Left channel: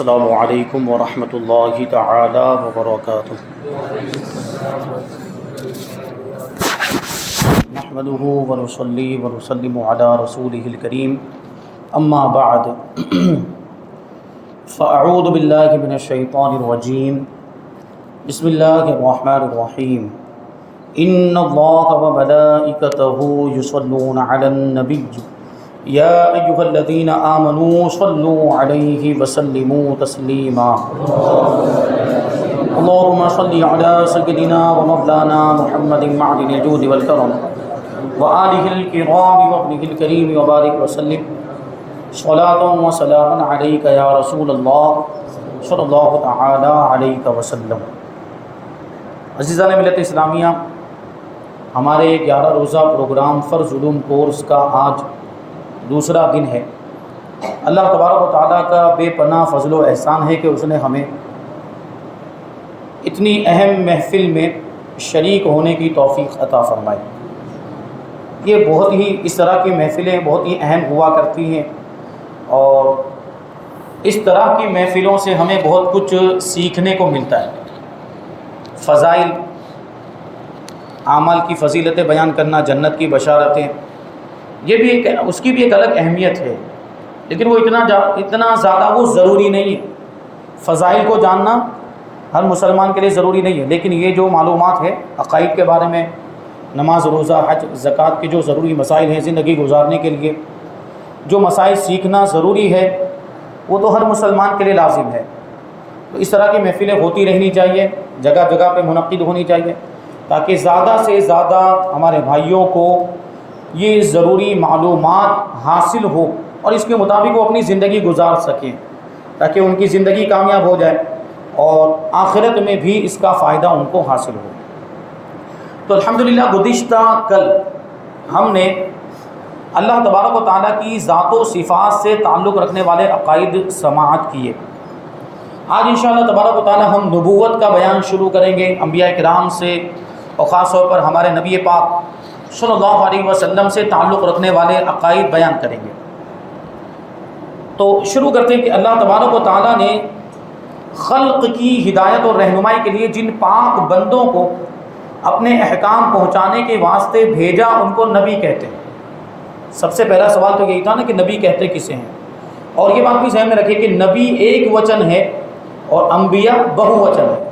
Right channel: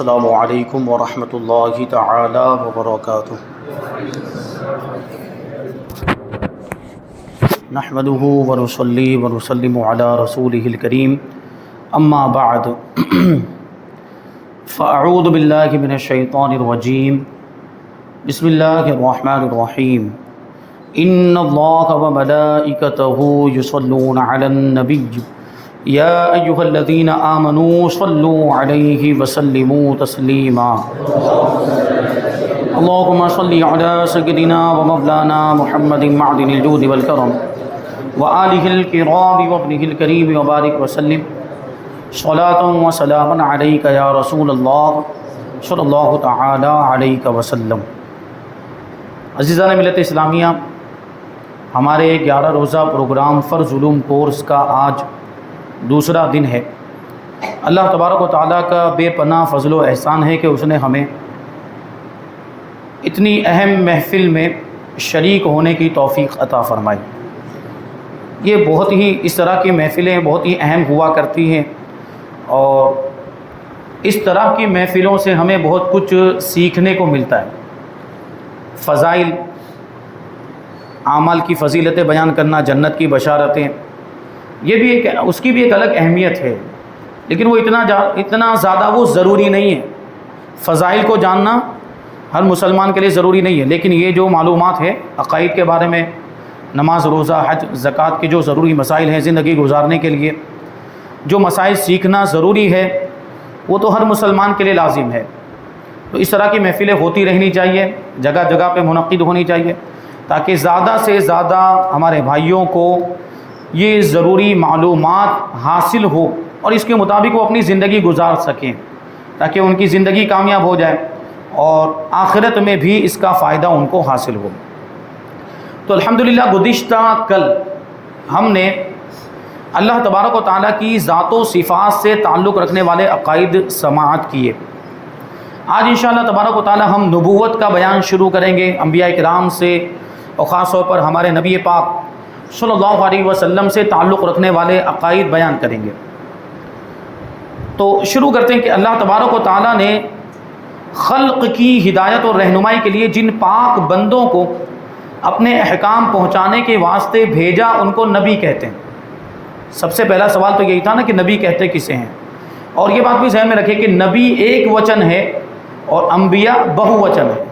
السلام علیکم ورحمۃ اللہ تعالی وبرکاتہ۔ نحمده ونصلی ونسلم علی رسولہ الکریم، اما بعد فاعوذ باللہ من الشیطان الرجیم، بسم اللہ الرحمن الرحیم۔ ان اللہ وملائکتہ یصلون علی النبی یا ایہا الذین آمنوا صلوا علیہ وسلموا تسلیما۔ اللہم صلی علی سیدنا ومولانا محمد معدن الجود والکرم وآلہ الکرام وابنہ الکریم وبارک وسلم صلاۃ وسلام علیک یا رسول اللہ صلی اللہ تعالی علیہ وسلم۔ عزیزان ملت اسلامیہ، ہمارے 11 روزہ پروگرام فرض علوم کورس کا آج دوسرا دن ہے۔ اللہ تبارک و تعالیٰ کا بے پناہ فضل و احسان ہے کہ اس نے ہمیں اتنی اہم محفل میں شریک ہونے کی توفیق عطا فرمائی۔ یہ بہت ہی اس طرح کی محفلیں بہت ہی اہم ہوا کرتی ہیں، اور اس طرح کی محفلوں سے ہمیں بہت کچھ سیکھنے کو ملتا ہے۔ فضائل، اعمال کی فضیلتیں بیان کرنا، جنت کی بشارتیں، یہ بھی اس کی بھی ایک الگ اہمیت ہے، لیکن وہ اتنا زیادہ وہ ضروری نہیں ہے۔ فضائل کو جاننا ہر مسلمان کے لیے ضروری نہیں ہے، لیکن یہ جو معلومات ہے عقائد کے بارے میں، نماز، روزہ، حج، زکوٰۃ کے جو ضروری مسائل ہیں زندگی گزارنے کے لیے، جو مسائل سیکھنا ضروری ہے، وہ تو ہر مسلمان کے لیے لازم ہے۔ تو اس طرح کی محفلیں ہوتی رہنی چاہیے، جگہ جگہ پہ منعقد ہونی چاہیے، تاکہ زیادہ سے زیادہ ہمارے بھائیوں کو یہ ضروری معلومات حاصل ہو اور اس کے مطابق وہ اپنی زندگی گزار سکیں، تاکہ ان کی زندگی کامیاب ہو جائے اور آخرت میں بھی اس کا فائدہ ان کو حاصل ہو۔ تو الحمدللہ گزشتہ کل ہم نے اللہ تبارک و تعالیٰ کی ذات و صفات سے تعلق رکھنے والے عقائد سماعت کیے۔ آج انشاءاللہ تبارک و تعالیٰ ہم نبوت کا بیان شروع کریں گے، انبیاء کرام سے اور خاص طور پر ہمارے نبی پاک صلی اللہ علیہ وسلم سے تعلق رکھنے والے عقائد بیان کریں گے۔ تو شروع کرتے ہیں کہ اللہ تبارک و تعالیٰ نے خلق کی ہدایت اور رہنمائی کے لیے جن پاک بندوں کو اپنے احکام پہنچانے کے واسطے بھیجا، ان کو نبی کہتے ہیں۔ سب سے پہلا سوال تو یہی تھا نا کہ نبی کہتے کسے ہیں، اور یہ بات بھی ذہن میں رکھیں کہ نبی ایک وچن ہے اور انبیاء بہو وچن ہے،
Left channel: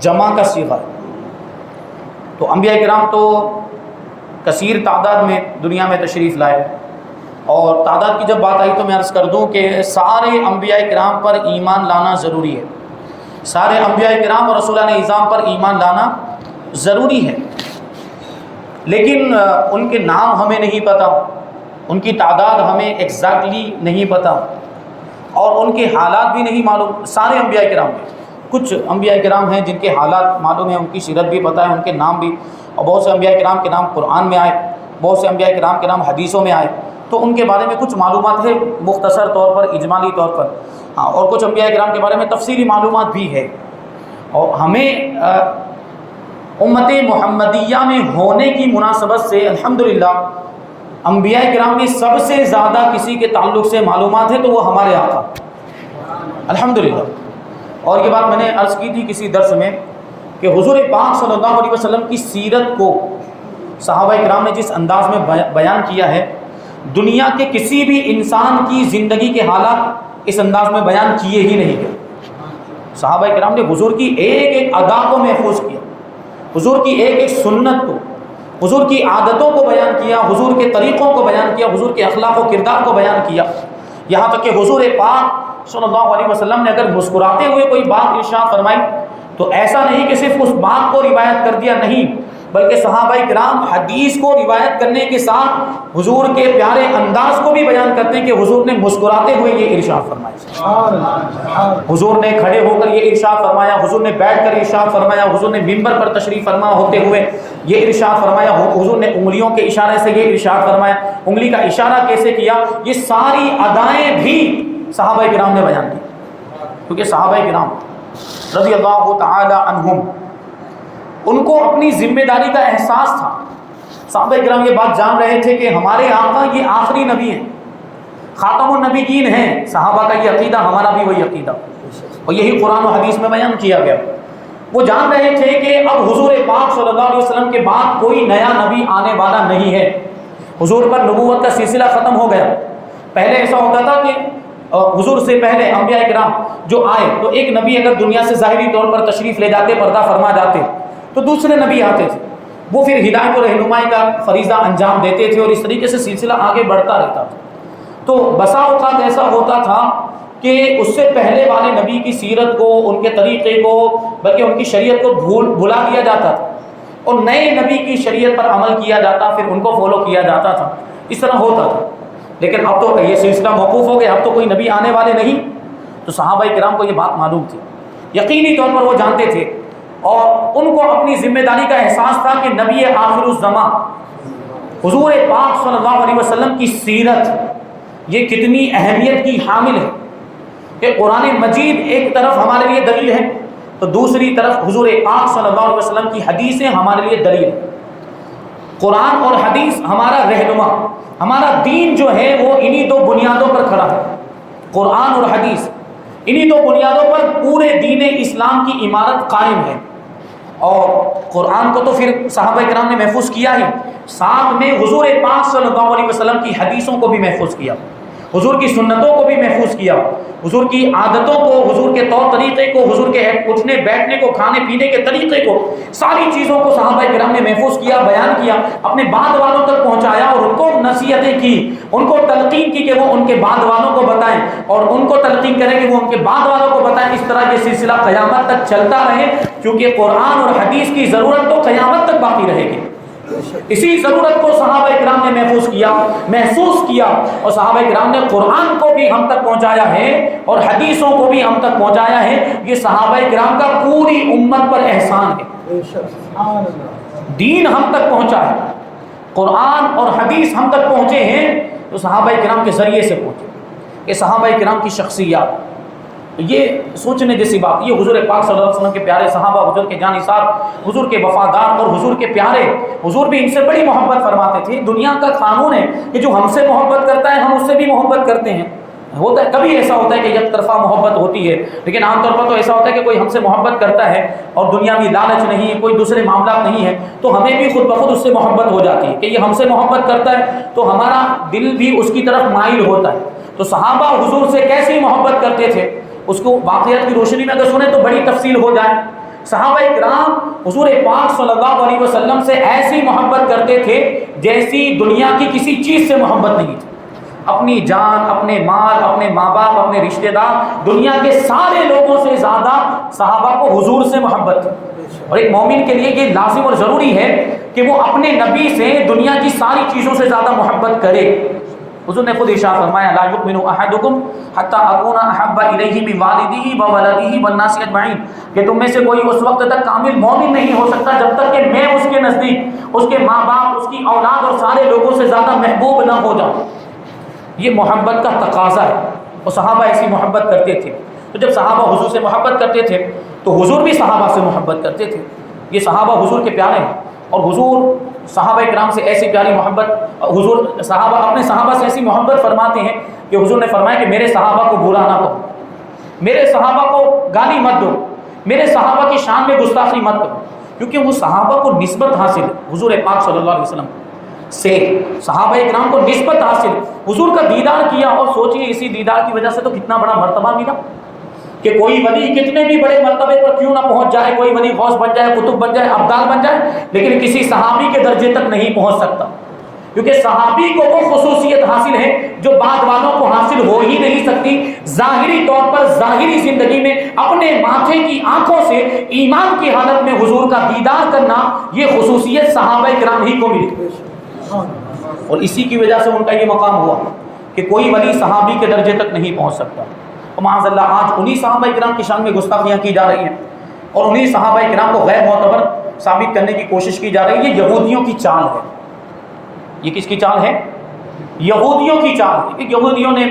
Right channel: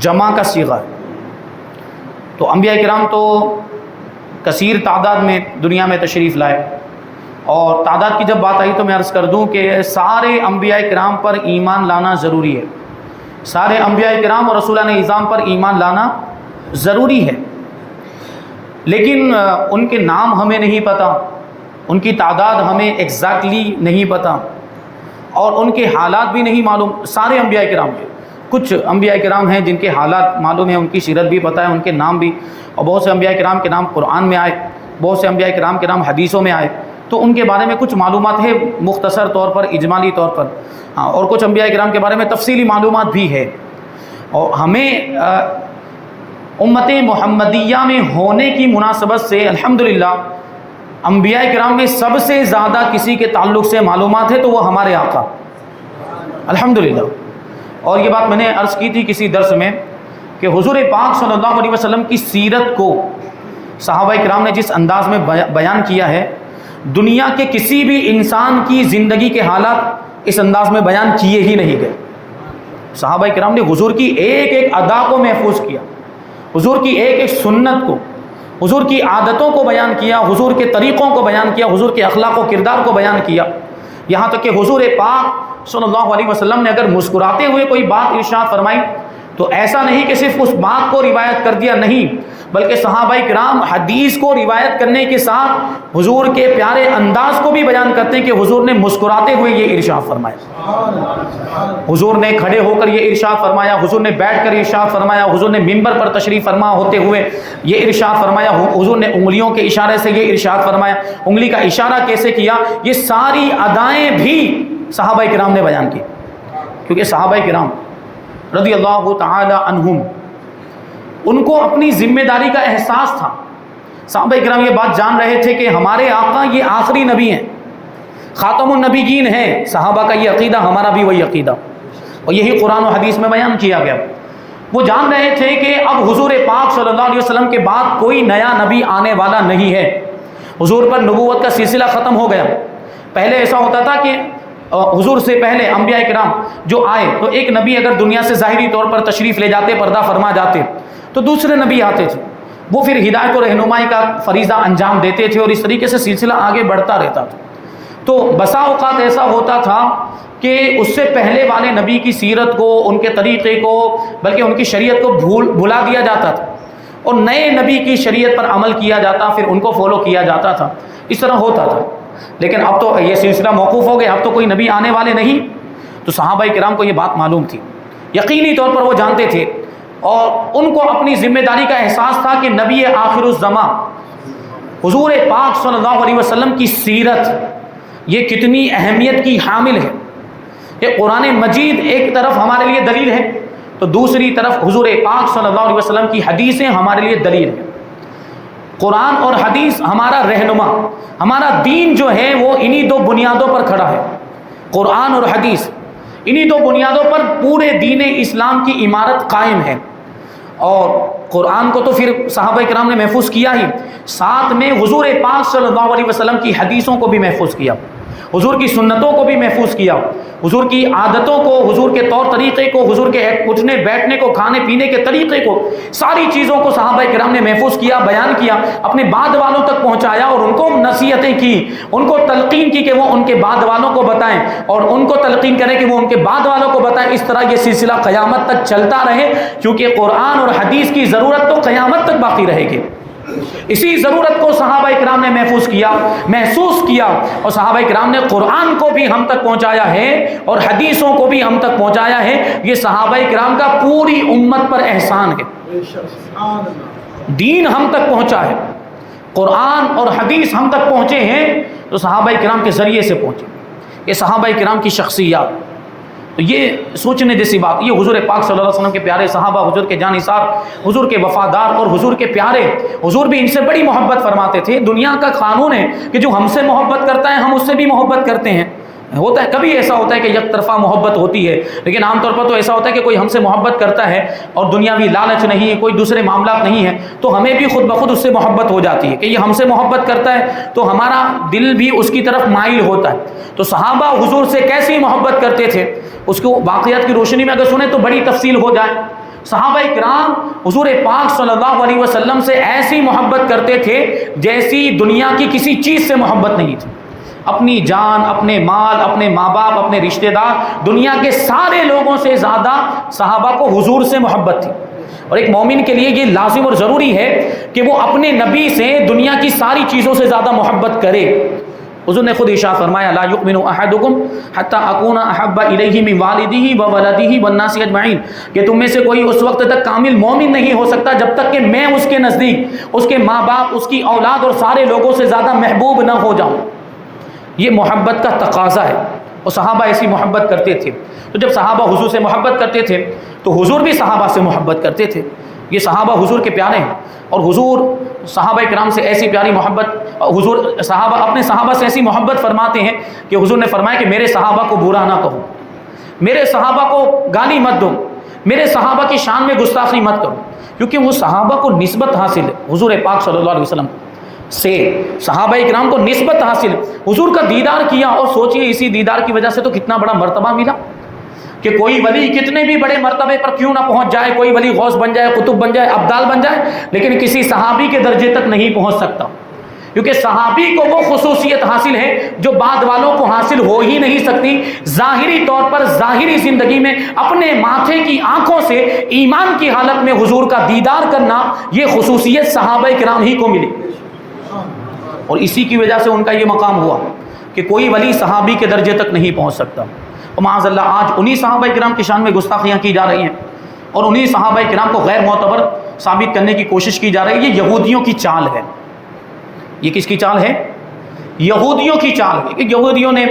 جمع کا صیغہ ہے۔ تو انبیاء کرام تو کثیر تعداد میں دنیا میں تشریف لائے، اور تعداد کی جب بات آئی تو میں عرض کر دوں کہ سارے انبیاء کرام پر ایمان لانا ضروری ہے، سارے انبیاء کرام اور رسولان اعظام پر ایمان لانا ضروری ہے، لیکن ان کے نام ہمیں نہیں پتہ، ان کی تعداد ہمیں ایگزیکٹلی نہیں پتہ، اور ان کے حالات بھی نہیں معلوم۔ سارے انبیاء کرام ہیں، کچھ انبیاء کرام ہیں جن کے حالات معلوم ہیں، ان کی سیرت بھی پتہ ہے، ان کے نام بھی، اور بہت سے انبیاء کرام کے نام قرآن میں آئے، بہت سے انبیاء کرام کے نام حدیثوں میں آئے، تو ان کے بارے میں کچھ معلومات ہے مختصر طور پر، اجمالی طور پر، اور کچھ انبیاء کرام کے بارے میں تفصیلی معلومات بھی ہے۔ اور ہمیں امت محمدیہ میں ہونے کی مناسبت سے الحمدللہ انبیاء کرام میں سب سے زیادہ کسی کے تعلق سے معلومات ہے تو وہ ہمارے آقا الحمدللہ۔ اور یہ بات میں نے عرض کی تھی کسی درس میں کہ حضور پاک صلی اللہ علیہ وسلم کی سیرت کو صحابہ کرام نے جس انداز میں بیان کیا ہے، دنیا کے کسی بھی انسان کی زندگی کے حالات اس انداز میں بیان کیے ہی نہیں گئے۔ صحابہ کرام نے حضور کی ایک ایک ادا کو محفوظ کیا، حضور کی ایک ایک سنت کو، حضور کی عادتوں کو بیان کیا، حضور کے طریقوں کو بیان کیا، حضور کے اخلاق و کردار کو بیان کیا، یہاں تک کہ حضور پاک صلی اللہ علیہ وسلم نے اگر مسکراتے ہوئے کوئی بات ارشاد فرمائی تو ایسا نہیں کہ صرف اس بات کو روایت کر دیا، نہیں، بلکہ صحابہ کرام حدیث کو روایت کرنے کے ساتھ حضور کے پیارے انداز کو بھی بیان کرتے ہیں کہ حضور نے مسکراتے ہوئے یہ ارشاد فرمایا، حضور نے کھڑے ہو کر یہ ارشاد فرمایا، حضور نے بیٹھ کر ارشاد فرمایا، حضور نے منبر پر تشریف فرما ہوتے ہوئے یہ ارشاد فرمایا، حضور نے انگلیوں کے اشارے سے یہ ارشاد فرمایا، انگلی کا اشارہ کیسے کیا، یہ ساری ادائیں بھی صحابہ کرام نے بیان کی، کیونکہ صحابہ کرام رضی اللہ تعالی عنہم ان کو اپنی ذمہ داری کا احساس تھا۔ صحابہ کرام یہ بات جان رہے تھے کہ ہمارے آقا یہ آخری نبی ہیں، خاتم النبیین ہیں، صحابہ کا یہ عقیدہ، ہمارا بھی وہی عقیدہ، اور یہی قرآن و حدیث میں بیان کیا گیا۔ وہ جان رہے تھے کہ اب حضور پاک صلی اللہ علیہ وسلم کے بعد کوئی نیا نبی آنے والا نہیں ہے، حضور پر نبوت کا سلسلہ ختم ہو گیا۔ پہلے ایسا ہوتا تھا کہ حضور سے پہلے انبیاء کرام جو آئے تو ایک نبی اگر دنیا سے ظاہری طور پر تشریف لے جاتے، پردہ فرما جاتے، تو دوسرے نبی آتے تھے، وہ پھر ہدایت و رہنمائی کا فریضہ انجام دیتے تھے، اور اس طریقے سے سلسلہ آگے بڑھتا رہتا تھا۔ تو بسا اوقات ایسا ہوتا تھا کہ اس سے پہلے والے نبی کی سیرت کو، ان کے طریقے کو، بلکہ ان کی شریعت کو بھلا دیا جاتا تھا، اور نئے نبی کی شریعت پر عمل کیا جاتا، پھر ان کو فالو کیا جاتا تھا، اس طرح ہوتا تھا۔ لیکن اب تو یہ سلسلہ موقوف ہو گیا، اب تو کوئی نبی آنے والے نہیں۔ تو صحابہ کرام کو یہ بات معلوم تھی، یقینی طور پر وہ جانتے تھے، اور ان کو اپنی ذمہ داری کا احساس تھا کہ نبی آخر الزماں حضور پاک صلی اللہ علیہ وسلم کی سیرت یہ کتنی اہمیت کی حامل ہے کہ قرآن مجید ایک طرف ہمارے لیے دلیل ہے، تو دوسری طرف حضور پاک صلی اللہ علیہ وسلم کی حدیثیں ہمارے لیے دلیل ہے۔ قرآن اور حدیث ہمارا رہنما، ہمارا دین جو ہے وہ انہی دو بنیادوں پر کھڑا ہے، قرآن اور حدیث، انہی دو بنیادوں پر پورے دین اسلام کی عمارت قائم ہے۔ اور قرآن کو تو پھر صحابہ کرام نے محفوظ کیا ہی، ساتھ میں حضور پاک صلی اللہ علیہ وسلم کی حدیثوں کو بھی محفوظ کیا، حضور کی سنتوں کو بھی محفوظ کیا، حضور کی عادتوں کو، حضور کے طور طریقے کو، حضور کے اٹھنے بیٹھنے کو، کھانے پینے کے طریقے کو، ساری چیزوں کو صحابہ کرام نے محفوظ کیا، بیان کیا، اپنے بعد والوں تک پہنچایا، اور ان کو نصیحتیں کی، ان کو تلقین کی کہ وہ ان کے بعد والوں کو بتائیں، اور ان کو تلقین کریں کہ وہ ان کے بعد والوں کو بتائیں۔ اس طرح یہ سلسلہ قیامت تک چلتا رہے، کیونکہ قرآن اور حدیث کی ضرورت تو قیامت تک باقی رہے گی۔ اسی ضرورت کو صحابہ کرام نے محفوظ کیا، محسوس کیا، اور صحابہ کرام نے قرآن کو بھی ہم تک پہنچایا ہے اور حدیثوں کو بھی ہم تک پہنچایا ہے۔ یہ صحابہ کرام کا پوری امت پر احسان ہے۔ دین ہم تک پہنچا ہے، قرآن اور حدیث ہم تک پہنچے ہیں تو صحابہ کرام کے ذریعے سے پہنچے۔ یہ صحابہ کرام کی شخصیات، تو یہ سوچنے جیسی بات، یہ حضور پاک صلی اللہ علیہ وسلم کے پیارے صحابہ، حضور کے جانثار، حضور کے وفادار، اور حضور کے پیارے، حضور بھی ان سے بڑی محبت فرماتے تھے۔ دنیا کا قانون ہے کہ جو ہم سے محبت کرتا ہے ہم اس سے بھی محبت کرتے ہیں۔ ہوتا ہے کبھی ایسا ہوتا ہے کہ یک طرفہ محبت ہوتی ہے، لیکن عام طور پر تو ایسا ہوتا ہے کہ کوئی ہم سے محبت کرتا ہے اور دنیاوی لالچ نہیں ہے، کوئی دوسرے معاملات نہیں ہے، تو ہمیں بھی خود بخود اس سے محبت ہو جاتی ہے کہ یہ ہم سے محبت کرتا ہے، تو ہمارا دل بھی اس کی طرف مائل ہوتا ہے۔ تو صحابہ حضور سے کیسی محبت کرتے تھے، اس کو واقعات کی روشنی میں اگر سنیں تو بڑی تفصیل ہو جائے۔ صحابہ کرام حضور پاک صلی اللہ علیہ وسلم سے ایسی محبت کرتے تھے جیسی دنیا کی کسی چیز سے محبت نہیں تھی۔ اپنی جان، اپنے مال، اپنے ماں باپ، اپنے رشتہ دار، دنیا کے سارے لوگوں سے زیادہ صحابہ کو حضور سے محبت تھی۔ اور ایک مومن کے لیے یہ لازم اور ضروری ہے کہ وہ اپنے نبی سے دنیا کی ساری چیزوں سے زیادہ محبت کرے۔ حضور نے خود ارشاد فرمایا، لا یؤمن احدکم حتی اکون احب الیہ من والدہ وولدہ والناس اجمعین، کہ تم میں سے کوئی اس وقت تک کامل مومن نہیں ہو سکتا جب تک کہ میں اس کے نزدیک، اس کے ماں باپ، اس کی اولاد اور سارے لوگوں سے زیادہ محبوب نہ ہو جاؤں۔ یہ محبت کا تقاضا ہے، اور صحابہ ایسی محبت کرتے تھے۔ تو جب صحابہ حضور سے محبت کرتے تھے تو حضور بھی صحابہ سے محبت کرتے تھے۔ یہ صحابہ حضور کے پیارے ہیں، اور حضور صحابہ کرام سے ایسی پیاری محبت، حضور صحابہ اپنے صحابہ سے ایسی محبت فرماتے ہیں کہ حضور نے فرمایا کہ میرے صحابہ کو برا نہ کہو، میرے صحابہ کو گالی مت دو، میرے صحابہ کی شان میں گستاخی مت کرو، کیونکہ وہ صحابہ کو نسبت حاصل ہے حضور پاک صلی اللہ علیہ وسلم سے، صحابہ کرام کو نسبت حاصل، حضور کا دیدار کیا، اور سوچئے اسی دیدار کی وجہ سے تو کتنا بڑا مرتبہ ملا کہ کوئی ولی کتنے بھی بڑے مرتبے پر کیوں نہ پہنچ جائے، کوئی ولی غوث بن جائے، قطب بن جائے، ابدال بن جائے، لیکن کسی صحابی کے درجے تک نہیں پہنچ سکتا، کیونکہ صحابی کو وہ خصوصیت حاصل ہے جو بعد والوں کو حاصل ہو ہی نہیں سکتی۔ ظاہری طور پر ظاہری زندگی میں اپنے ماتھے کی آنکھوں سے ایمان کی حالت میں حضور کا دیدار کرنا، یہ خصوصیت صحابہ کرام ہی کو ملی، اور اسی کی وجہ سے ان کا یہ مقام ہوا کہ کوئی ولی صحابی کے درجے تک نہیں پہنچ سکتا۔ اور معاذ اللہ آج انہی صحابہ کرام کی شان میں گستاخیاں کی جا رہی ہیں، اور انہی صحابہ کرام کو غیر معتبر ثابت کرنے کی کوشش کی جا رہی ہے۔ یہ یہودیوں کی چال ہے۔ یہ کس کی چال ہے؟ یہودیوں کی چال ہے۔ کہ یہودیوں نے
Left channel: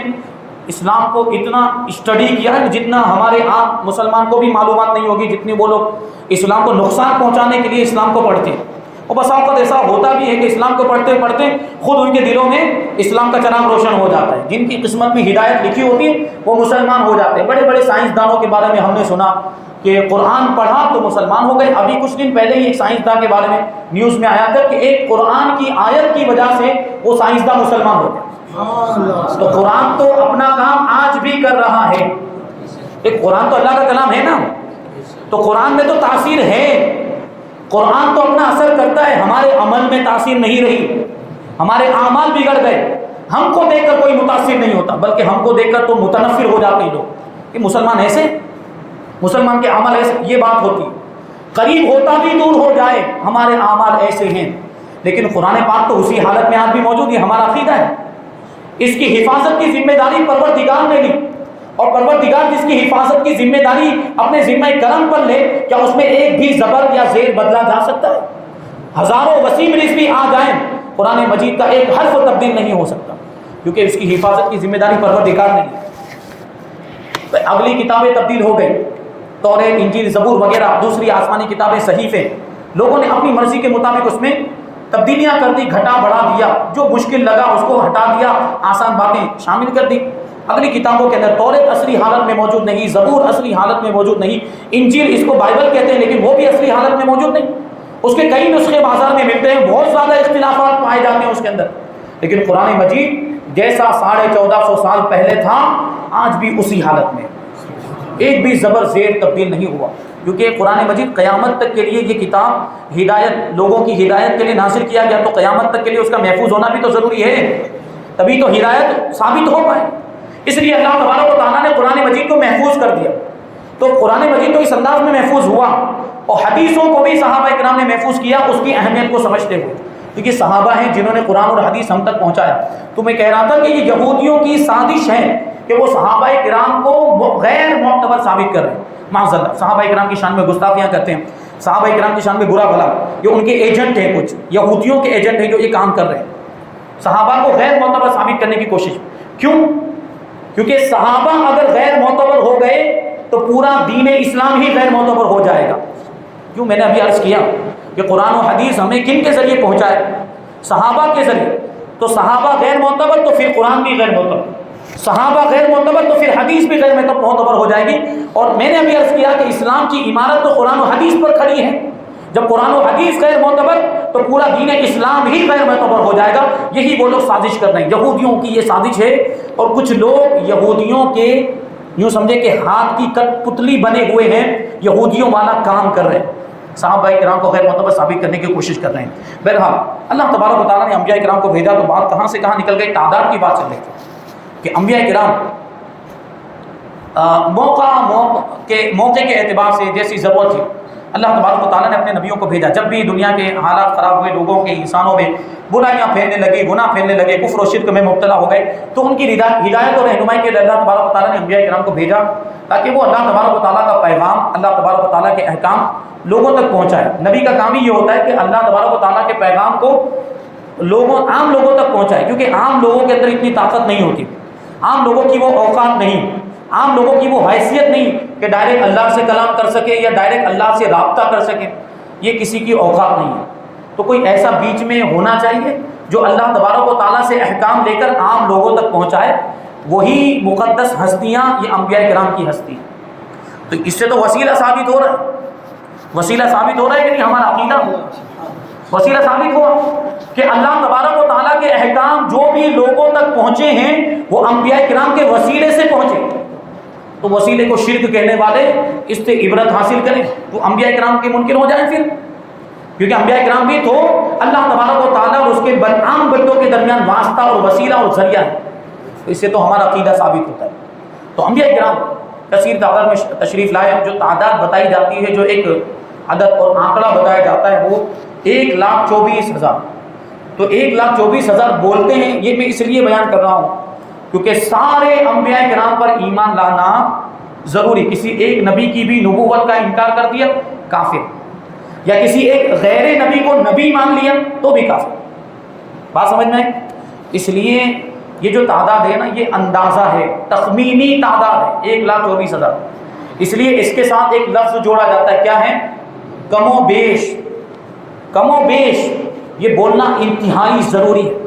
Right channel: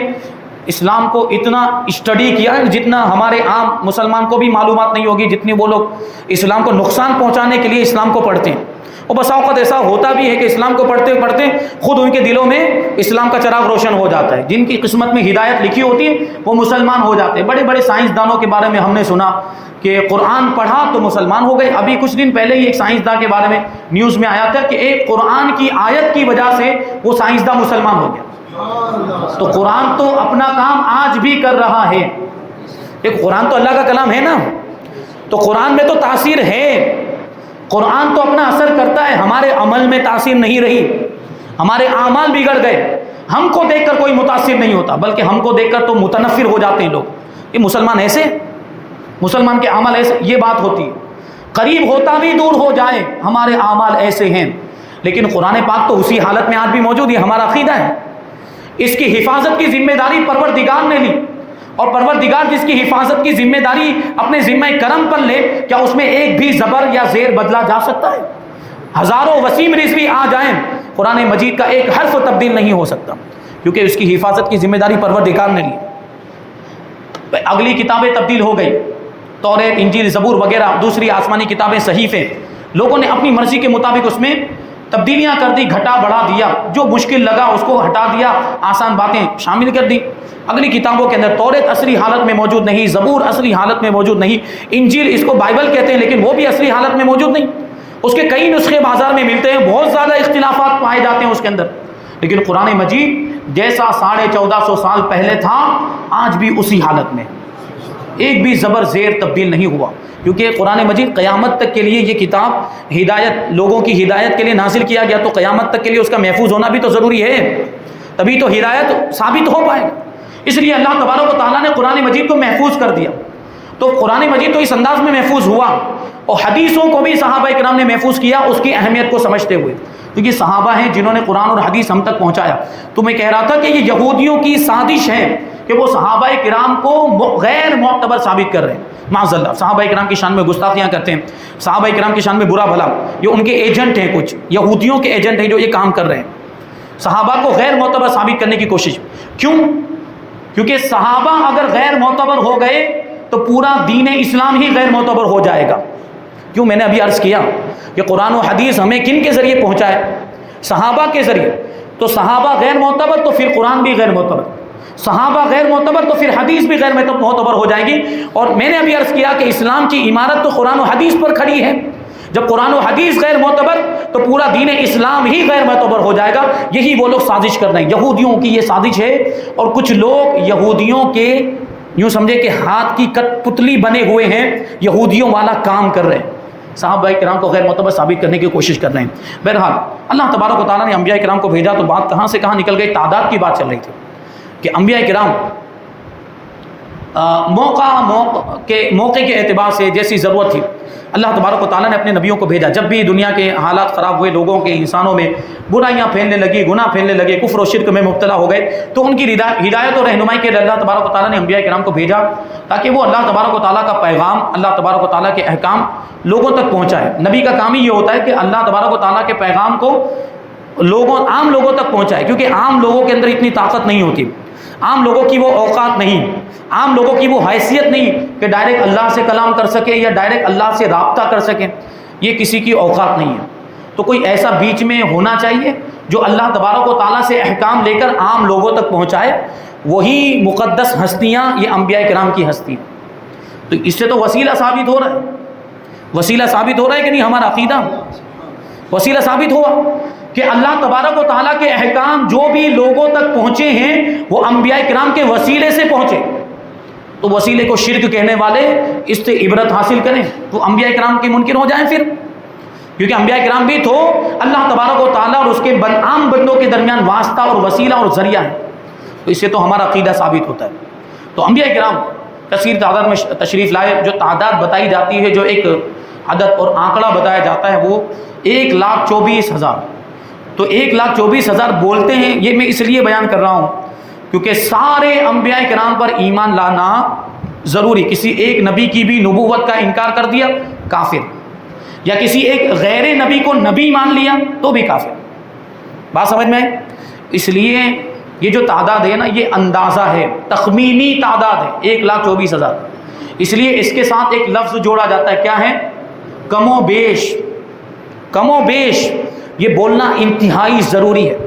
اسلام کو اتنا اسٹڈی کیا ہے جتنا ہمارے عام مسلمان کو بھی معلومات نہیں ہوگی، جتنی وہ لوگ اسلام کو نقصان پہنچانے کے لیے اسلام کو پڑھتے ہیں۔ اور بسا اوقات ایسا ہوتا بھی ہے کہ اسلام کو پڑھتے پڑھتے خود ان کے دلوں میں اسلام کا چراغ روشن ہو جاتا ہے. جن کی قسمت میں ہدایت لکھی ہوتی ہے وہ مسلمان ہو جاتے ہیں. بڑے بڑے سائنسدانوں کے بارے میں ہم نے سنا کہ قرآن پڑھا تو مسلمان ہو گئے. ابھی کچھ دن پہلے ہی ایک سائنسداں کے بارے میں نیوز میں آیا تھا کہ ایک قرآن کی آیت کی وجہ سے وہ سائنسداں مسلمان ہو گیا. تو قرآن تو اپنا کام آج بھی کر رہا ہے. ایک قرآن تو اللہ کا کلام ہے نا, تو قرآن میں تو تاثیر ہے. قرآن تو اپنا اثر کرتا ہے. ہمارے عمل میں تاثیر نہیں رہی, ہمارے اعمال بگڑ گئے. ہم کو دیکھ کر کوئی متاثر نہیں ہوتا, بلکہ ہم کو دیکھ کر تو متنفر ہو جاتے ہیں لوگ. یہ مسلمان ایسے, مسلمان کے عمل ایسے, یہ بات ہوتی ہے. قریب ہوتا بھی دور ہو جائے, ہمارے اعمال ایسے ہیں. لیکن قرآن پاک تو اسی حالت میں آج بھی موجود ہے. ہمارا عقیدہ ہے اس کی حفاظت کی ذمہ داری پروردگار نے لی, اور پروردگار جس کی حفاظت کی ذمہ داری اپنے ذمہ کرم پر لے, کیا اس میں ایک بھی زبر یا زیر بدلا جا سکتا ہے؟ ہزاروں وسیم رضوی آ جائیں, قرآن مجید کا ایک حرف تبدیل نہیں ہو سکتا, کیونکہ اس کی حفاظت کی ذمہ داری پروردگار نے لی. اگلی کتابیں تبدیل ہو گئی, توریت, انجیل, زبور وغیرہ دوسری آسمانی کتابیں, صحیفے, لوگوں نے اپنی مرضی کے مطابق اس میں تبدیلیاں کر دی, گھٹا بڑھا دیا, جو مشکل لگا اس کو ہٹا دیا, آسان باتیں شامل کر دی. اگلی کتابوں کے اندر توریت اصلی حالت میں موجود نہیں, زبور اصلی حالت میں موجود نہیں, انجیل اس کو بائبل کہتے ہیں لیکن وہ بھی اصلی حالت میں موجود نہیں. اس کے کئی نسخے بازار میں ملتے ہیں, بہت زیادہ اختلافات پائے جاتے ہیں اس کے اندر. لیکن قرآن مجید جیسا 1450 سال پہلے تھا آج بھی اسی حالت میں, ایک بھی زبر زیر تبدیل نہیں ہوا. کیونکہ قرآن مجید قیامت تک کے لیے یہ کتاب ہدایت, لوگوں کی ہدایت کے لیے نازل کیا گیا, تو قیامت تک کے لیے اس کا محفوظ ہونا بھی تو ضروری ہے, تبھی تو ہدایت ثابت ہو پائے. اس لیے اللہ تبارک و تعالیٰ نے قرآن مجید کو محفوظ کر دیا. تو قرآن مجید تو اس انداز میں محفوظ ہوا, اور حدیثوں کو بھی صحابہ کرام نے محفوظ کیا اس کی اہمیت کو سمجھتے ہوئے, کیونکہ صحابہ ہیں جنہوں نے قرآن اور حدیث ہم تک پہنچایا. تو میں کہہ رہا تھا کہ یہ یہودیوں کی سازش ہے کہ وہ صحابہ کرام کو غیر معتبر ثابت کر رہے ہیں. معاذ اللہ, صحابہ کرام کی شان میں گستاخیاں کرتے ہیں, صحابہ کرام کی شان میں برا بھلا, یہ ان کے ایجنٹ ہیں, کچھ یہودیوں کے ایجنٹ ہیں جو یہ کام کر رہے ہیں, صحابہ کو غیر معتبر ثابت کرنے کی کوشش. کیوں؟ کیونکہ صحابہ اگر غیر معتبر ہو گئے تو پورا دین اسلام ہی غیر معتبر ہو جائے گا. کیوں؟ میں نے ابھی عرض کیا کہ قرآن و حدیث ہمیں کن کے ذریعے پہنچائے؟ صحابہ کے ذریعے. تو صحابہ غیر معتبر تو پھر قرآن بھی غیر معتبر, صحابہ غیر معتبر تو پھر حدیث بھی غیر معتبر ہو جائے گی. اور میں نے ابھی عرض کیا کہ اسلام کی عمارت تو قرآن و حدیث پر کھڑی ہے. جب قرآن و حدیث غیر معتبر تو پورا دین اسلام ہی غیر معتبر ہو جائے گا. یہی وہ لوگ سازش کر رہے ہیں, یہودیوں کی یہ سازش ہے. اور کچھ لوگ یہودیوں کے یوں سمجھے کہ ہاتھ کی کٹ پتلی بنے ہوئے ہیں, یہودیوں والا کام کر رہے ہیں, صحابہ کرام کو غیر معتبر ثابت کرنے کی کوشش کر رہے ہیں. بہرحال اللہ تبارک و تعالیٰ نے انبیاء کرام کو بھیجا تو بات کہاں سے کہاں نکل گئی, تعداد کی بات چل رہی تھی کہ انبیاء کرام موقع کے اعتبار سے جیسی ضرورت تھی اللہ تبارک و تعالیٰ نے اپنے نبیوں کو بھیجا. جب بھی دنیا کے حالات خراب ہوئے, لوگوں کے, انسانوں میں برائیاں پھیلنے لگی, گناہ پھیلنے لگے, کفر و شرک میں مبتلا ہو گئے, تو ان کی ہدایت اور رہنمائی کے لیے اللہ تبارک و تعالیٰ نے انبیاء کرام کو بھیجا تاکہ وہ اللہ تبارک و تعالیٰ کا پیغام, اللہ تبارک و تعالیٰ کے احکام لوگوں تک پہنچائے. نبی کا کام ہی یہ ہوتا ہے کہ اللہ تبارک و تعالیٰ کے پیغام کو عام لوگوں تک پہنچائے, کیونکہ عام لوگوں کے اندر اتنی طاقت نہیں ہوتی, عام لوگوں کی وہ اوقات نہیں, عام لوگوں کی وہ حیثیت نہیں کہ ڈائریکٹ اللہ سے کلام کر سکے یا ڈائریکٹ اللہ سے رابطہ کر سکے, یہ کسی کی اوقات نہیں ہے. تو کوئی ایسا بیچ میں ہونا چاہیے جو اللہ تبارک و تعالیٰ سے احکام لے کر عام لوگوں تک پہنچائے. وہی مقدس ہستیاں یہ انبیاء کرام کی ہستی ہیں. تو اس سے تو وسیلہ ثابت ہو رہا ہے, وسیلہ ثابت ہو رہا ہے کہ نہیں, ہمارا عقیدہ وسیلہ ثابت ہوا کہ اللہ تبارک و تعالیٰ کے احکام جو بھی لوگوں تک پہنچے ہیں وہ انبیاء کرام کے وسیلے سے پہنچے. تو وسیلے کو شرک کہنے والے اس سے عبرت حاصل کریں تو انبیاء کرام کے منکر ہو جائیں پھر, کیونکہ انبیاء کرام بھی تو اللہ تبارک و تعالیٰ اور اس کے عام بندوں کے درمیان واسطہ اور وسیلہ اور ذریعہ ہے. تو اس سے تو ہمارا عقیدہ ثابت ہوتا ہے. تو انبیاء کرام کثیر تعداد میں تشریف لائے. جو تعداد بتائی جاتی ہے, جو ایک عدد اور آنکڑا بتایا جاتا ہے وہ 1,24,000. تو 1,24,000 بولتے ہیں, یہ میں اس لیے بیان کر رہا ہوں کیونکہ سارے انبیاء کرام پر ایمان لانا ضروری. کسی ایک نبی کی بھی نبوت کا انکار کر دیا کافر, یا کسی ایک غیر نبی کو نبی مان لیا تو بھی کافر. بات سمجھ میں؟ اس لیے یہ جو تعداد ہے نا, یہ اندازہ ہے, تخمینی تعداد ہے 1,24,000. اس لیے اس کے ساتھ ایک لفظ جوڑا جاتا ہے, کیا ہے؟ کم و بیش. کم و بیش یہ بولنا انتہائی ضروری ہے.